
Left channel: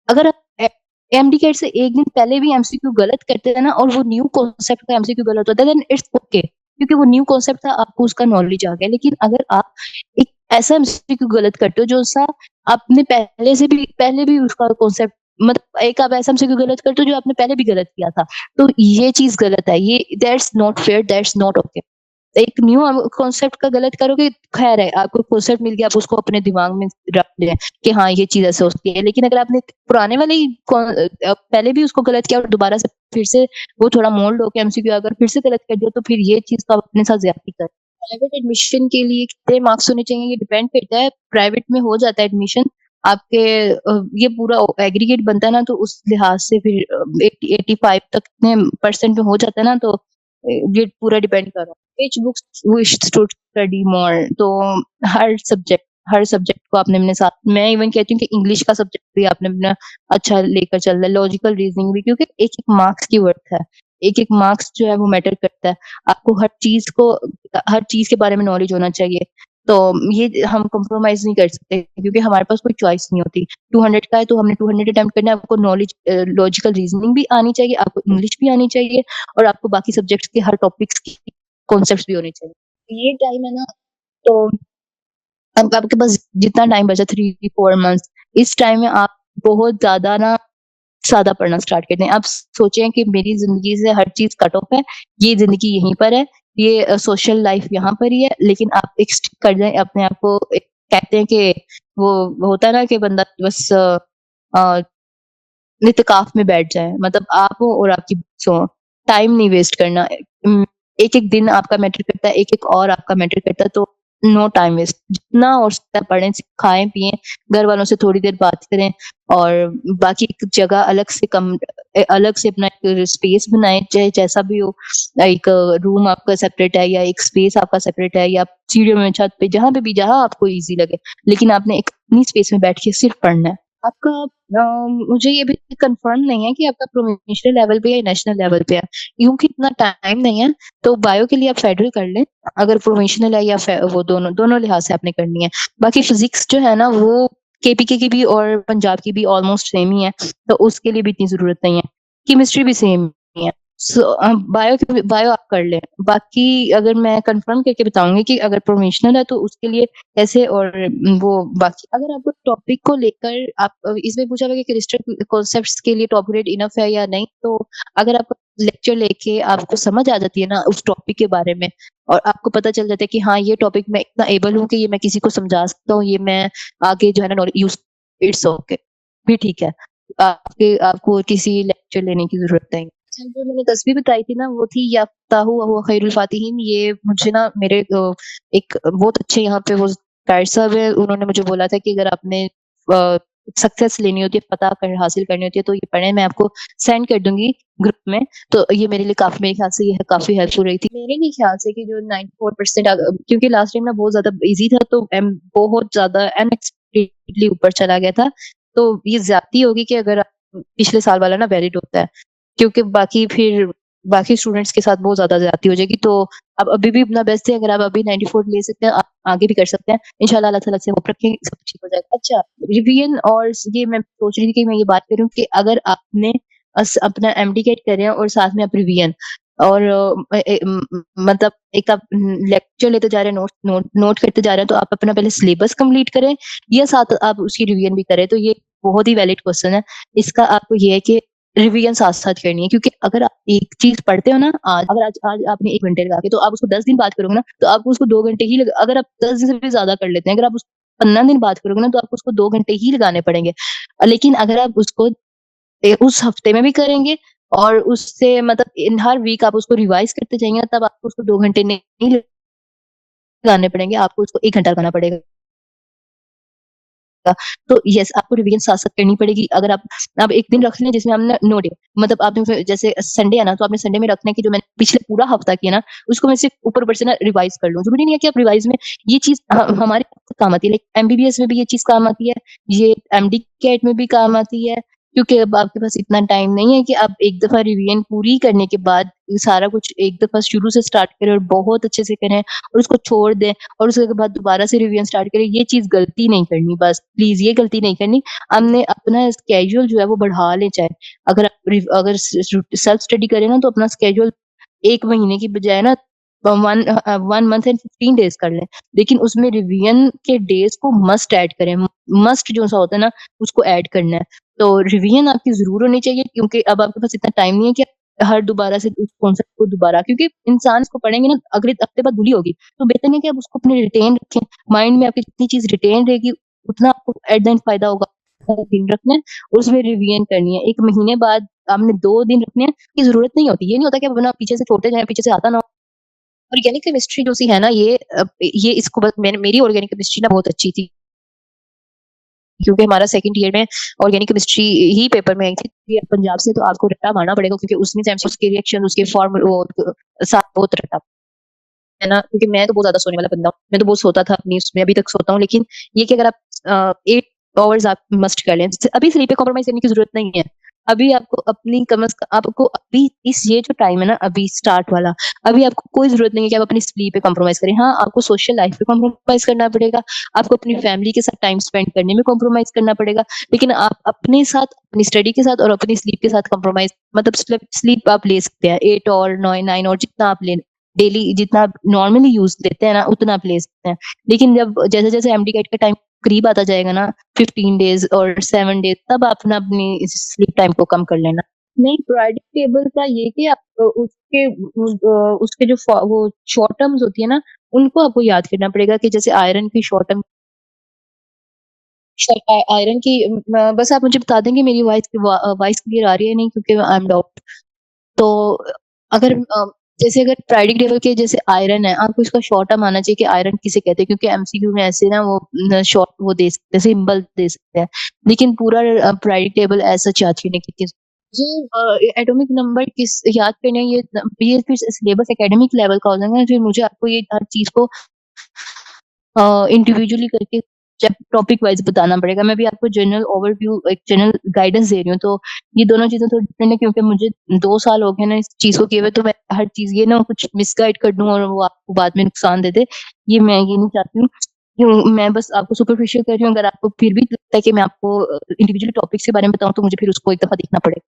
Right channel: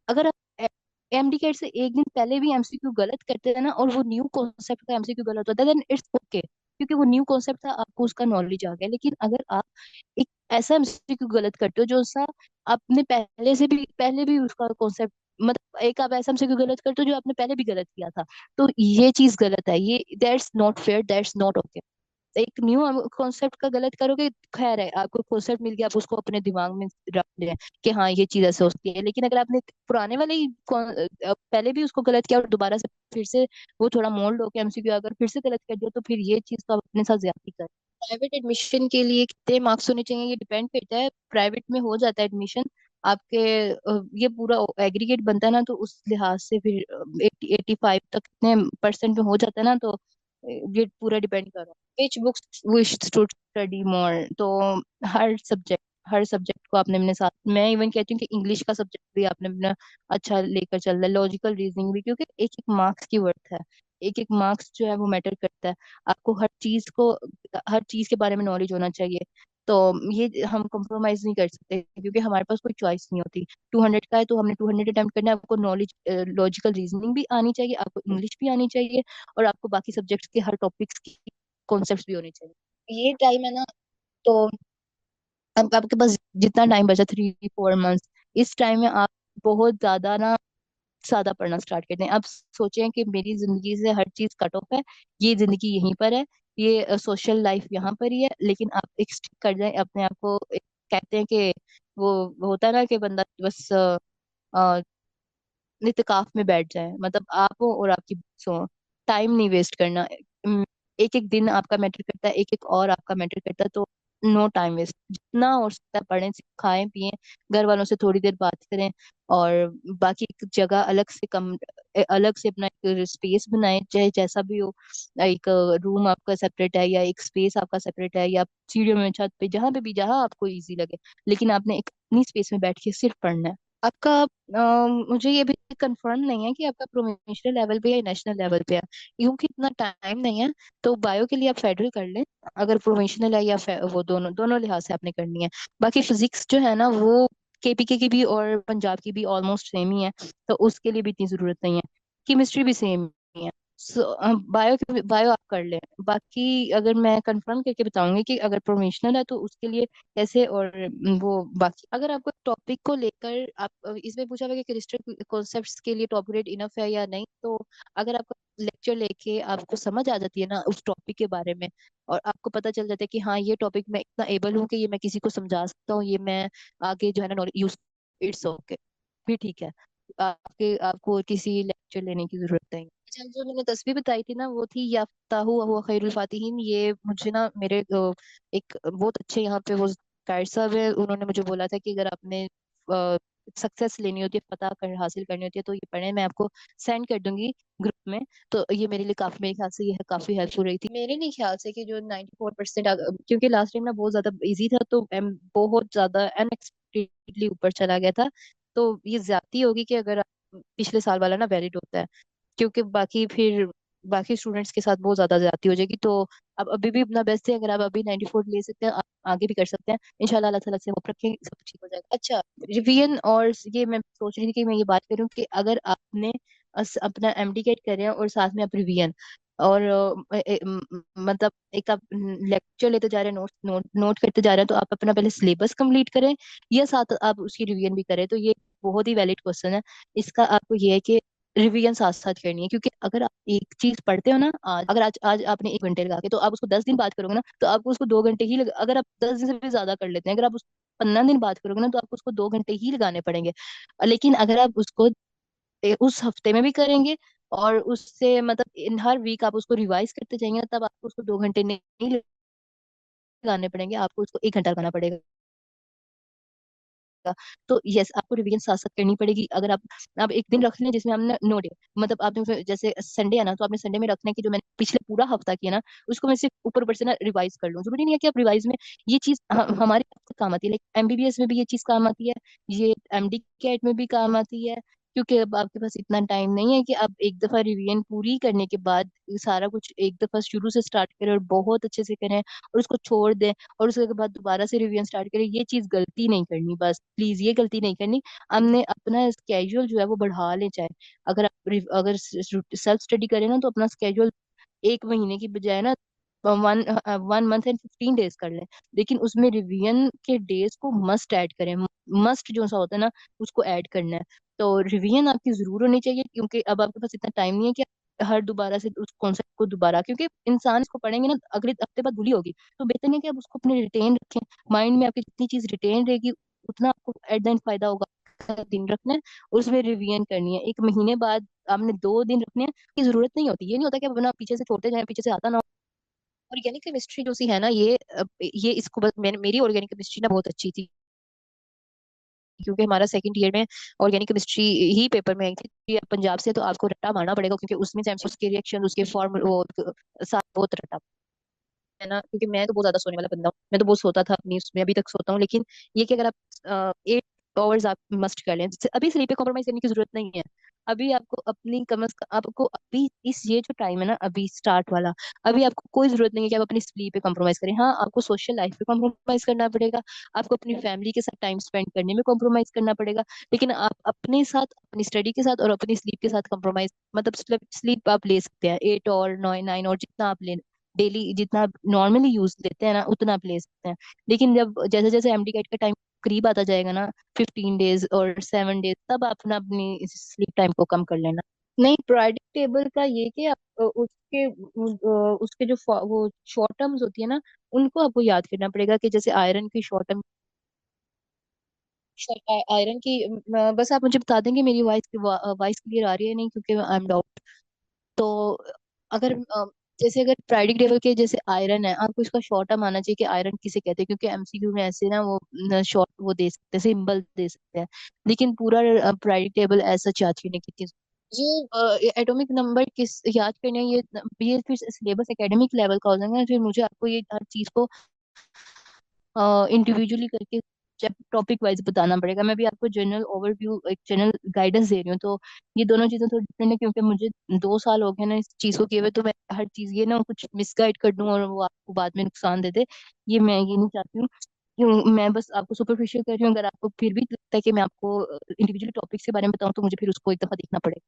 अगर आप एमडी कैट से एक दिन पहले भी एमसीक्यू गलत करते हैं ना, और वो न्यू कॉन्सेप्ट का एमसीक्यू गलत होता है, देन इट्स ओके, क्योंकि वो न्यू कॉन्सेप्ट था, आपको उसका नॉलेज आ गया। लेकिन अगर आप एक ऐसा एमसीक्यू गलत करते हो जो सा आपने पहले भी उसका कॉन्सेप्ट, मतलब एक आप ऐसा एमसीक्यू गलत करते हो जो आपने पहले भी गलत किया था, तो ये चीज गलत है। ये that's not fair, that's not okay. एक न्यू कॉन्सेप्ट का गलत करोगे, खैर है, आपको कॉन्सेप्ट मिल गया, आप उसको अपने दिमाग में रख लें कि हाँ ये चीज ऐसे होती है। लेकिन अगर आपने पुराने वाले ही पहले भी उसको गलत किया और दोबारा से फिर से वो थोड़ा मोल्ड होकर एमसीक्यू अगर फिर से गलत कर दिया, तो फिर ये चीज तो आप अपने साथ ज्यादती कर। प्राइवेट एडमिशन के लिए कितने मार्क्स होने चाहिए, ये डिपेंड करता है। प्राइवेट में हो जाता है एडमिशन आपके, ये पूरा एग्रीगेट बनता है ना, तो उस लिहाज से फिर 85 तक कितने परसेंट में हो जाता है ना, तो ये पूरा डिपेंड कर रहा है which books wish to study more। तो हर सब्जेक्ट को आपने अपने साथ, मैं इवन कहती हूँ कि इंग्लिश का सब्जेक्ट भी आपने अपना अच्छा लेकर चल रहा है, लॉजिकल रीजनिंग भी, क्योंकि एक एक मार्क्स की वर्थ है। एक एक मार्क्स जो है वो मैटर करता है। आपको हर चीज के बारे में नॉलेज होना चाहिए। तो ये हम कॉम्प्रोमाइज नहीं कर सकते, क्योंकि हमारे पास कोई चॉइस नहीं होती। 200 का है तो हमने 200 अटेम्प्ट करना है। आपको नॉलेज, लॉजिकल रीजनिंग भी आनी चाहिए, आपको इंग्लिश भी आनी चाहिए, और आपको बाकी सब्जेक्ट्स के हर टॉपिक्स की कॉन्सेप्ट्स भी होने चाहिए। ये टाइम है ना, तो अब आपके पास जितना टाइम बचा, 3-4 मंथ्स, इस टाइम में आप बहुत ज्यादा ना सादा पढ़ना स्टार्ट कर दें। आप सोचें कि मेरी जिंदगी से हर चीज कट ऑफ है, ये जिंदगी यहीं पर है, ये सोशल लाइफ यहाँ पर ही है, लेकिन आप एक stick कर जाए अपने आप को। कहते हैं कि वो होता है ना कि बंदा बस इत्तेकाफ में बैठ जाए, मतलब आप हो और आपकी बुक्स हो। टाइम नहीं वेस्ट करना। एक एक दिन आपका मैटर करता है, एक एक और आपका मैटर करता है, तो नो टाइम वेस्ट। जितना हो सकता है पढ़ें, खाएं पिएं, घर वालों से थोड़ी देर बात करें, और बाकी एक जगह अलग से अपना एक स्पेस बनाएं, चाहे जैसा भी हो। एक रूम आपका सेपरेट है, या एक स्पेस आपका सेपरेट है, या सीढ़ियों में, छत पे, जहां पे भी, जहां आपको इजी लगे, लेकिन आपने एक अपनी स्पेस में बैठ के सिर्फ पढ़ना है। आपका मुझे ये भी कंफर्म नहीं है कि आपका प्रोविंशियल लेवल पे या नेशनल लेवल पे है, क्योंकि इतना टाइम नहीं है। तो बायो के लिए आप फेडरल कर लें, अगर प्रोविंशियल है या वो दोनों दोनों लिहाज से आपने करनी है। बाकी फिजिक्स जो है ना, वो केपीके की भी और पंजाब की भी ऑलमोस्ट सेम ही है, तो उसके लिए भी इतनी जरूरत नहीं है। केमिस्ट्री भी सेम ही है। सो बायो आप कर लें। बाकी अगर मैं कंफर्म करके बताऊंगी कि अगर प्रोविंशियल है तो उसके लिए कैसे, और वो बाकी अगर आपको टॉपिक को लेकर आप इसमें पूछा हुआ कि क्रिस्टल कॉन्सेप्ट्स के लिए टॉप ग्रेड इनफ है या नहीं, तो अगर आपको लेक्चर लेके आपको समझ आ जाती है ना उस टॉपिक के बारे में, और आपको पता चल जाता है कि हाँ ये टॉपिक मैं इतना एबल हूँ कि ये मैं किसी को समझा सकता हूँ, ये मैं आगे जो है ना नॉलेज यूज, इट्स ओके, भी ठीक है। आपको किसी लेक्चर लेने की जरूरत नहीं। अच्छा, जो मैंने तस्वीर बताई थी ना, वो थी याफ्ताहु व हुवा खैरुल फातिहीन। ये मुझे ना मेरे एक बहुत अच्छे यहाँ पे वो गाइड साहब है, उन्होंने मुझे बोला था कि अगर आपने सक्सेस लेनी होती है, पता कर हासिल करनी होती है, तो ये पढ़े, मैं आपको सेंड कर दूंगी ग्रुप में। तो ये मेरे लिए काफी, मेरे ख्याल से ये काफी हेल्पफुल रही थी मेरे लिए ख्याल से, कि जो 94%, क्योंकि लास्ट टाइम ना बहुत ज्यादा इजी था, तो बहुत ज्यादा अनएक्सपेक्टेडली ऊपर चला गया था। तो ये ज्यादती होगी कि अगर पिछले साल वाला ना वैलिड होता है, क्योंकि बाकी स्टूडेंट्स के साथ बहुत ज्यादा ज्यादती हो जाएगी। तो अब अभी भी अपना बेस्ट है, अगर आप अभी 94 ले सकते हैं, आप आगे भी कर सकते हैं। इंशाल्लाह अल्लाह ताला से होप रखेंगे, सब ठीक हो जाएगा। अच्छा, रिवीजन, और ये मैं सोच रही थी कि मैं ये बात करूं कि अगर आपने अपना एमडी कैट कर रहे हैं और साथ में आप रिवीजन, और मतलब एक आप लेक्चर लेते जा रहे हैं, नोट करते जा रहे हैं, तो आप अपना पहले सिलेबस कंप्लीट करें या साथ आप उसकी रिवीजन भी करें। तो ये बहुत ही वैलिड क्वेश्चन है। इसका आपको ये है कि रिवीजन साथ साथ करनी है, क्योंकि अगर आप एक चीज पढ़ते हो ना, आज आपने 1 घंटे लगा के, तो आप उसको 10 दिन बात करोगे ना, तो आपको उसको 2 घंटे ही अगर आप 10 दिन से भी ज्यादा कर लेते हैं, अगर आप उसको 15 दिन बात करोगे ना, तो आपको उसको 2 घंटे ही लगाने पड़ेंगे। लेकिन अगर आप उसको उस हफ्ते में भी करेंगे, और उससे मतलब इन हर वीक आप उसको रिवाइज करते जाएंगे, तब आपको उसको 2 घंटे नहीं लगाने पड़ेंगे, आपको उसको 1 घंटा लगाना पड़ेगा। तो यस, आपको रिवीजन साथ साथ करनी पड़ेगी। अगर आप एक दिन रख लें जिसमें हमने नो डे, मतलब आपने जैसे संडे है ना, तो आपने संडे में रखना है कि जो मैंने पिछले पूरा हफ्ता किया ना, उसको मैं सिर्फ ऊपर ऊपर से ना रिवाइज कर लूं। जरूरी नहीं है कि आप रिवाइज में ये चीज हमारे काम आती है, लाइक एमबीबीएस में भी ये चीज काम आती है, ये एमडी कैट में भी काम आती है। क्योंकि अब आपके पास इतना टाइम नहीं है कि आप एक दफा रिवीजन पूरी करने के बाद सारा कुछ एक दफा शुरू से स्टार्ट करें और बहुत अच्छे से करें, और उसको छोड़ दें, और उसके बाद दोबारा से रिवीजन स्टार्ट करें। ये चीज गलती नहीं करनी, बस प्लीज ये गलती नहीं करनी। हमने अपना स्केड्यूल जो है वो बढ़ा लें, चाहे अगर सेल्फ स्टडी करें ना, तो अपना स्केड्यूल 1 महीने की बजाय ना 1 मंथ एंड 15 डेज कर लें। लेकिन उसमें रिवीजन के डेज को मस्ट ऐड करें। मस्ट जो सा होता है ना, उसको ऐड करना है। तो रिवीजन आपकी जरूर होनी चाहिए, क्योंकि अब आपके पास इतना टाइम नहीं है कि हर दोबारा से उस कॉन्सेप्ट को दोबारा, क्योंकि इंसान इसको पढ़ेंगे ना, अगले हफ्ते बाद भूली होगी। तो बेहतर है कि आप उसको अपने रिटेन रखें माइंड में। आपकी जितनी चीज रिटेन रहेगी, उतना आपको एट द एंड फायदा होगा। दिन रखना है और उसमें रिवीजन करनी है। 1 महीने बाद आपने 2 दिन रखने हैं, की जरूरत नहीं होती। ये नहीं होता कि अपना पीछे से छोड़ते जाए, पीछे से आता ना हो। ऑर्गेनिक केमिस्ट्री जो सी है ना, ये इसको बस मेरी ऑर्गेनिक केमिस्ट्री ना बहुत अच्छी थी, क्योंकि हमारा सेकंड ईयर में ऑर्गेनिक केमिस्ट्री ही पेपर में आई थी। ये पंजाब से, तो आपको रट्टा मारना पड़ेगा, क्योंकि उसमें से उसके रिएक्शन, उसके फॉर्मूला साथ बहुत रट्टा है ना। क्योंकि मैं तो बहुत ज्यादा सोने वाला बंदा हूँ, मैं तो बहुत सोता था अपनी उसमें, अभी तक सोता हूँ। लेकिन ये कि अगर आप 8 आवर्स आप मस्ट कर लें, अभी स्लीप पे कॉम्प्रोमाइज करने की जरूरत नहीं है। अभी आपको अपनी कम से कम, आपको अभी इस ये जो टाइम है ना, अभी स्टार्ट वाला, अभी आपको कोई जरूरत नहीं है कि आप अपनी स्लीप पे कॉम्प्रोमाइज करें। हाँ, आपको सोशल लाइफ पे कॉम्प्रोमाइज करना पड़ेगा, आपको अपनी फैमिली के साथ टाइम स्पेंड करने में कॉम्प्रोमाइज करना पड़ेगा। लेकिन आप अपने साथ, अपनी स्टडी के साथ और अपनी स्लीप के साथ कॉम्प्रोमाइज, मतलब स्लीप आप ले सकते हैं 8 और 9 9, और जितना आप ले डेली, जितना नॉर्मली यूज लेते हैं ना, उतना आप ले सकते हैं। लेकिन जब जैसे जैसे एमडी कैट का टाइम करीब आता जाएगा ना, 15 डेज और 7 डेज, तब आप ना अपनी स्लीप टाइम को कम कर लेना। नहीं, पीरियोडिक टेबल का ये कि आप उसके जो वो शॉर्ट टर्म्स होती है ना, उनको आपको याद करना पड़ेगा। कि जैसे आयरन की शॉर्ट टर्म, आयरन की, बस आप मुझे बता देंगे मेरी वॉइस क्लियर आ रही है नहीं, क्योंकि आई एम डाउट। तो अगर जैसे अगर पीरियोडिक टेबल के जैसे आयरन है, आपको इसका शॉर्ट टर्म आना चाहिए कि आयरन किसे कहते हैं, क्योंकि एमसीक्यू में ऐसे ना वो शॉर्ट वो दे सकते हैं, सिंबल दे सकते हैं। लेकिन पूरा पीरियोडिक टेबल ऐसा चाहती है कि ये एटॉमिक नंबर किस याद करने, ये फिर सिलेबस एकेडमिक लेवल का हो जाएगा। फिर मुझे आपको ये हर चीज को इंडिविजुअली करके टॉपिक वाइज बताना पड़ेगा। मैं भी आपको जनरल ओवरव्यू, एक जनरल गाइडेंस दे रही हूँ। तो ये दोनों चीजें थोड़ी डिफरेंट है, क्योंकि मुझे 2 साल हो गए ना इस चीज को किए हुए। तो मैं हर चीज ये ना कुछ मिसगाइड कर दूं और वो आपको बाद में नुकसान दे दे, ये मैं ये नहीं चाहती हूँ। मैं बस आपको सुपरफिशियल कर रही हूँ। अगर आपको फिर भी लगता है कि मैं आपको इंडिविजुअल टॉपिक्स के बारे में बताऊँ, तो मुझे फिर उसको एक दफा देखना पड़ेगा।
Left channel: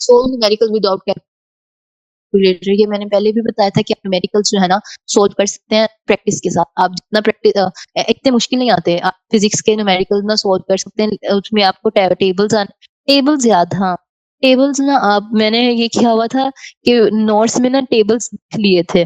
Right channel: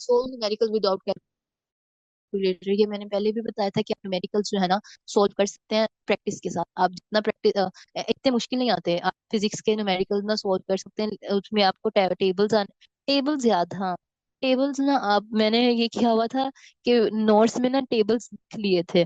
सो न्यूमेरिकल विदाउट, ये मैंने पहले भी बताया था कि आप न्यूमेरिकल्स जो है ना, सोल्व कर सकते हैं प्रैक्टिस के साथ। आप जितना प्रैक्टिस, इतने मुश्किल नहीं आते। आप फिजिक्स के न्यूमेरिकल्स ना सोल्व कर सकते हैं, उसमें आपको टेबल्स टेबल्स याद, हाँ। टेबल्स ना, आप मैंने ये किया हुआ था कि नोट्स में ना टेबल्स लिख लिए थे।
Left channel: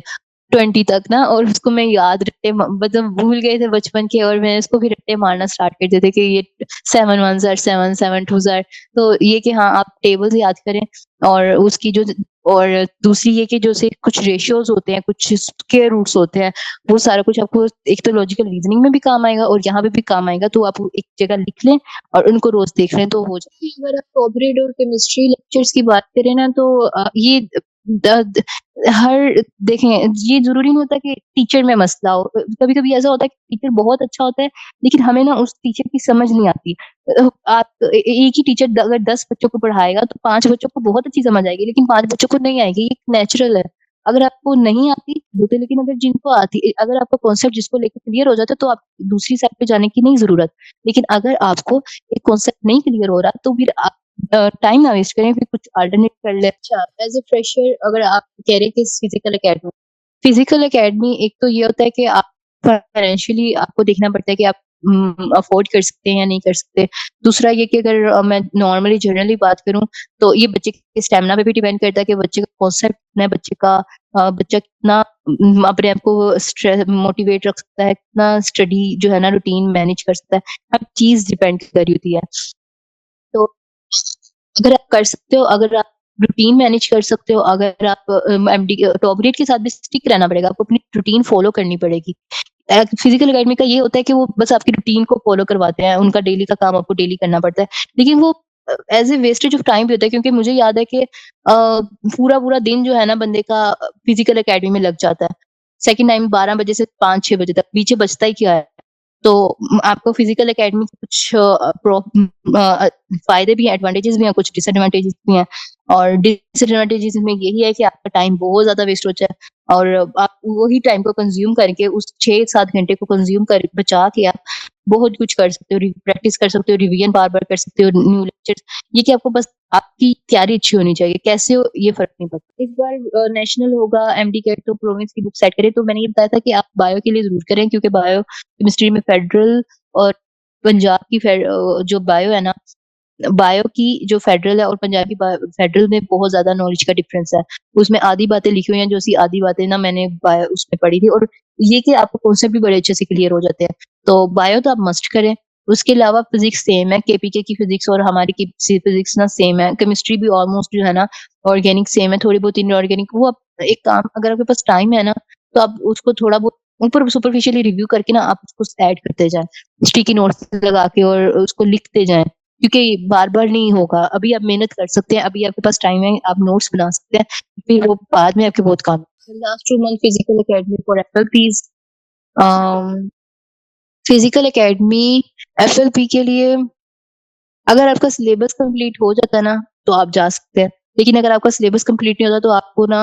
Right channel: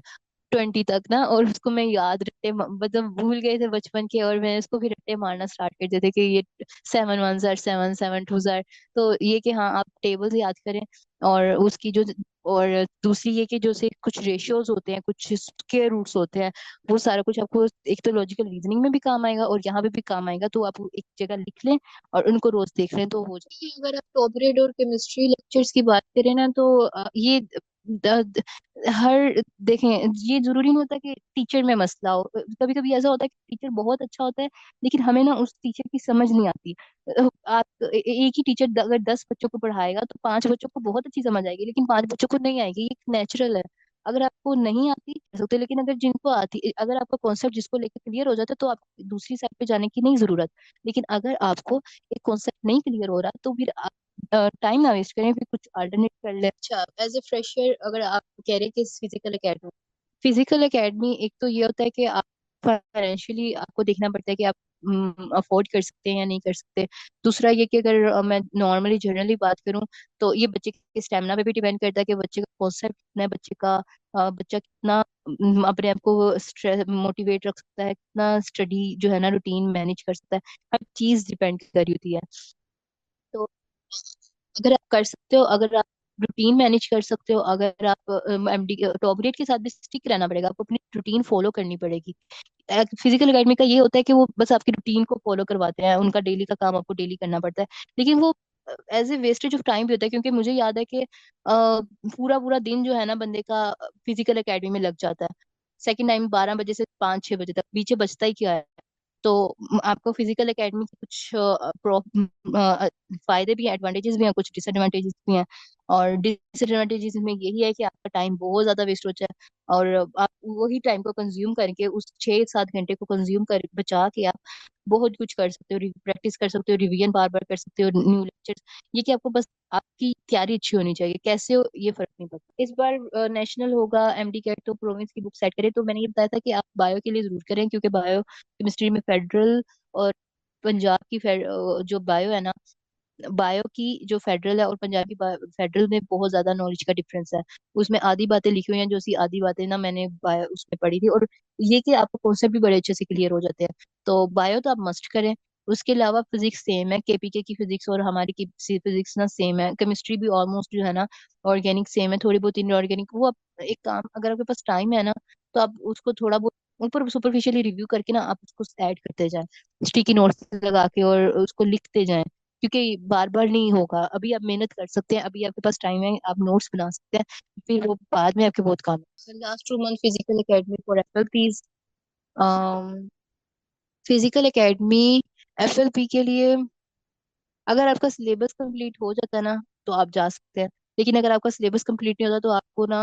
20 तक ना, और उसको मैं याद रट्टे मतलब भूल गए थे बचपन के, और मैंने उसको फिर रट्टे मारना स्टार्ट कर दिए थे कि ये 7 1 are 7 7 2 are। तो ये कि हाँ आप टेबल्स याद करें, और उसकी जो, और दूसरी ये कि जो से कुछ रेशियोज होते हैं, कुछ स्क्वायर रूट्स होते हैं, वो सारा कुछ आपको एक तो लॉजिकल रीजनिंग में भी काम आएगा और यहाँ पे भी काम आएगा, तो आप एक जगह लिख लें और उनको रोज देख लें तो हो जाए। अगर आप कॉर्पोरेट और केमिस्ट्री लेक्चर्स की बात करें ना, तो ये द, हर देखें, ये जरूरी नहीं होता कि टीचर में मसला हो। कभी कभी ऐसा होता है कि टीचर बहुत अच्छा होता है, लेकिन हमें ना उस टीचर की समझ नहीं आती। आप एक ही टीचर अगर 10 बच्चों को पढ़ाएगा तो 5 बच्चों को बहुत अच्छी समझ आएगी, लेकिन 5 बच्चों को नहीं आएगी, ये नेचुरल है। अगर आपको नहीं आती तो, लेकिन अगर जिनको आती, अगर आपका कॉन्सेप्ट जिसको लेकर क्लियर हो जाता है तो आप दूसरी साइड पे जाने की नहीं जरूरत। लेकिन अगर आपको एक कॉन्सेप्ट नहीं क्लियर हो रहा तो फिर आप टाइम ना वेस्ट करें, फिर कुछ अल्टरनेट कर ले। अच्छा, एज ए फ्रेशर अगर आप कह रहे हैं कि फिजिकल एकेडमी, एक तो ये होता है कि आप फाइनेंशियली आपको देखना पड़ता है कि आप अफोर्ड कर सकते हैं या नहीं कर सकते। दूसरा ये कि अगर मैं नॉर्मली जनरली बात करूं, तो ये बच्चे के स्टेमिना पे भी डिपेंड करता है कि बच्चे का कॉन्सेप्ट कितना है, बच्चा कितना अपने आप को स्ट्रेस मोटिवेट रख सकता है, कितना स्टडी जो है ना रूटीन मैनेज कर सकता है। हर चीज डिपेंड कर रही होती है। तो अगर आप कर सकते हो, अगर आप रूटीन मैनेज कर सकते हो, अगर आप एमडी टॉप ग्रेड के साथ भी स्टिक रहना पड़ेगा, आपको अपनी रूटीन फॉलो करनी पड़ेगी। फिजिकल एकेडमी का ये होता है कि वो बस आपकी रूटीन को फॉलो करवाते हैं, उनका डेली का काम आपको डेली करना पड़ता है, लेकिन वो as a wastage of time भी होता है, क्योंकि मुझे याद है कि पूरा पूरा दिन जो है ना बंदे का फिजिकल एकेडमी में लग जाता है। सेकंड टाइम 12 बजे से 5 6 बजे तक पीछे बचता ही क्या है। तो आपको फिजिकल एकेडमी के कुछ फायदे भी हैं, एडवांटेजेस भी हैं, कुछ डिसएडवांटेजेस भी हैं। और डिसएडवांटेजेस में यही है कि आपका टाइम बहुत ज्यादा वेस्ट होता है, और आप वही टाइम को कंज्यूम करके उस 6 7 घंटे को कंज्यूम कर बचा के आप बहुत कुछ कर सकते हो, प्रैक्टिस कर सकते हो, रिवीजन बार बार कर सकते हो, न्यू लेक्चर्स। ये कि आपको बस आपकी तैयारी अच्छी होनी चाहिए, कैसे हो ये फर्क नहीं पड़ता। इस बार नेशनल होगा एमडी कैट, तो प्रोविंस की बुक सेट करें, तो मैंने ये बताया था कि आप बायो के लिए जरूर करें, क्योंकि बायो केमिस्ट्री में फेडरल और पंजाब की जो बायो है ना, बायो की जो फेडरल है और पंजाब की फेडरल में बहुत ज्यादा नॉलेज का डिफरेंस है। उसमें आधी बातें लिखी हुई हैं, जो सी आधी बातें ना मैंने बायो उसमें पढ़ी थी, और ये कि आपको कॉन्सेप्ट भी बड़े अच्छे से क्लियर हो जाते हैं। तो बायो तो आप मस्ट करें। उसके अलावा फिजिक्स सेम है, केपीके की फिजिक्स और हमारी की फिजिक्स ना सेम है। केमिस्ट्री भी ऑलमोस्ट जो है ना ऑर्गेनिक सेम है, थोड़ी बहुत इनऑर्गेनिक। वो आप एक काम, अगर आपके पास टाइम है ना, तो आप उसको थोड़ा बहुत ऊपर सुपरफिशियली रिव्यू करके ना आप उसको ऐड करते जाएं, स्टिकी नोट्स लगा के, और उसको लिखते जाएं, क्योंकि बार बार नहीं होगा। अभी आप मेहनत कर सकते हैं, अभी आपके पास टाइम है, आप नोट्स बना सकते हैं, फिर वो बाद में आपके बहुत काम। Last 2 month physical academy for FLPs. Physical academy FLP के लिए, अगर आपका सिलेबस कंप्लीट हो जाता है ना तो आप जा सकते हैं, लेकिन अगर आपका सिलेबस कंप्लीट नहीं होता तो आपको ना,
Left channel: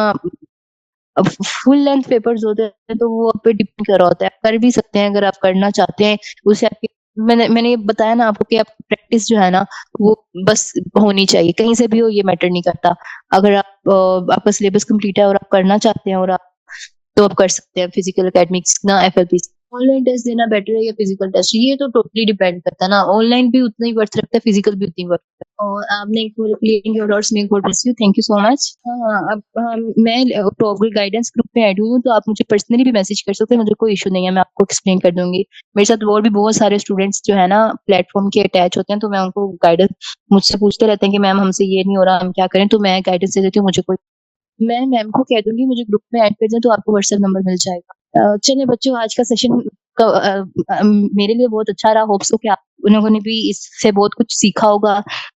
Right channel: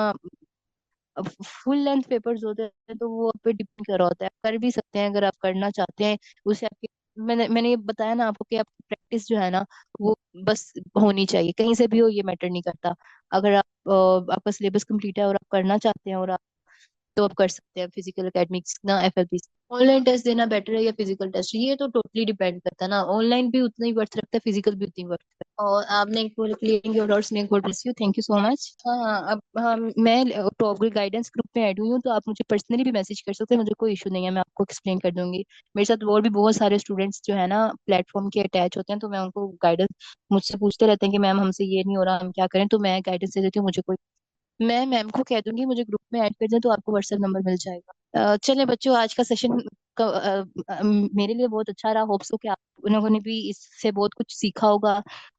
अब फुल लेंथ पेपर्स होते हैं तो वो आप पे डिपेंड कर रहा होता है। आप कर भी सकते हैं अगर आप करना चाहते हैं। उसे आपके, मैंने ये बताया ना आपको कि आप प्रैक्टिस जो है ना वो बस होनी चाहिए, कहीं से भी हो ये मैटर नहीं करता। अगर आप आपका सिलेबस कंप्लीट है और आप करना चाहते हैं, और आप तो आप कर सकते हैं फिजिकल एकेडमिक्स ना एफएलपी। ऑनलाइन टेस्ट देना बेटर है या फिजिकल टेस्ट, ये तो टोटली डिपेंड करता है ना। ऑनलाइन भी उतना ही वर्थ रखता है, फिजिकल भी उतनी वर्थ रखता है। और आपने एक पूरे clearing your doubts, make God bless you, thank you so much. हाँ हाँ, अब मैं टॉगल गाइडेंस ग्रुप में ऐड हुई हूँ, तो आप मुझे पर्सनली भी मैसेज कर सकते हैं, मुझे कोई इशू नहीं है, मैं आपको एक्सप्लेन कर दूंगी। मेरे साथ और भी बहुत सारे स्टूडेंट्स जो है ना प्लेटफॉर्म के अटैच होते हैं, तो मैं उनको गाइडेंस मुझसे पूछते रहते हैं कि मैम हमसे ये नहीं हो रहा, हम क्या करें, तो मैं गाइडेंस दे देती हूँ। मुझे कोई, मैं मैम को कह दूंगी मुझे ग्रुप में ऐड कर दें, तो आपको व्हाट्सएप नंबर मिल जाएगा। चलिए बच्चों, आज का सेशन मेरे लिए बहुत अच्छा रहा। होप्स हो कि आप लोगों ने भी इससे बहुत कुछ सीखा होगा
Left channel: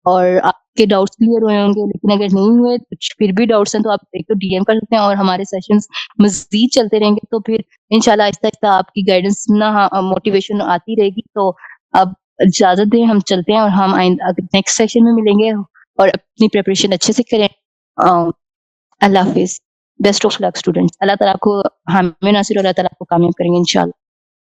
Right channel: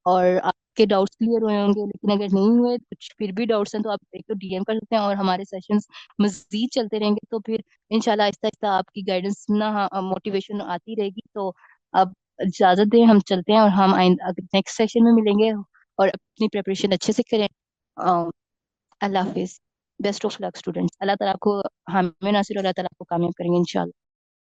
और आपके डाउट्स क्लियर हुए होंगे। लेकिन अगर नहीं हुए, कुछ फिर भी डाउट्स हैं, तो आप एक तो डीएम कर सकते हैं, और हमारे सेशंस मजीद चलते रहेंगे, तो फिर इंशाल्लाह आहिस्ता आहिस्ता आपकी गाइडेंस ना मोटिवेशन आती रहेगी। तो अब इजाजत दें, हम चलते हैं, और हम नेक्स्ट सेशन में मिलेंगे, और अपनी प्रिपरेशन अच्छे से करें। अल्लाह हाफिज। Best of luck students. अल्लाह ताला आपको, हमें नासिर, और अल्लाह ताला आपको कामयाब करेंगे इंशाल्लाह।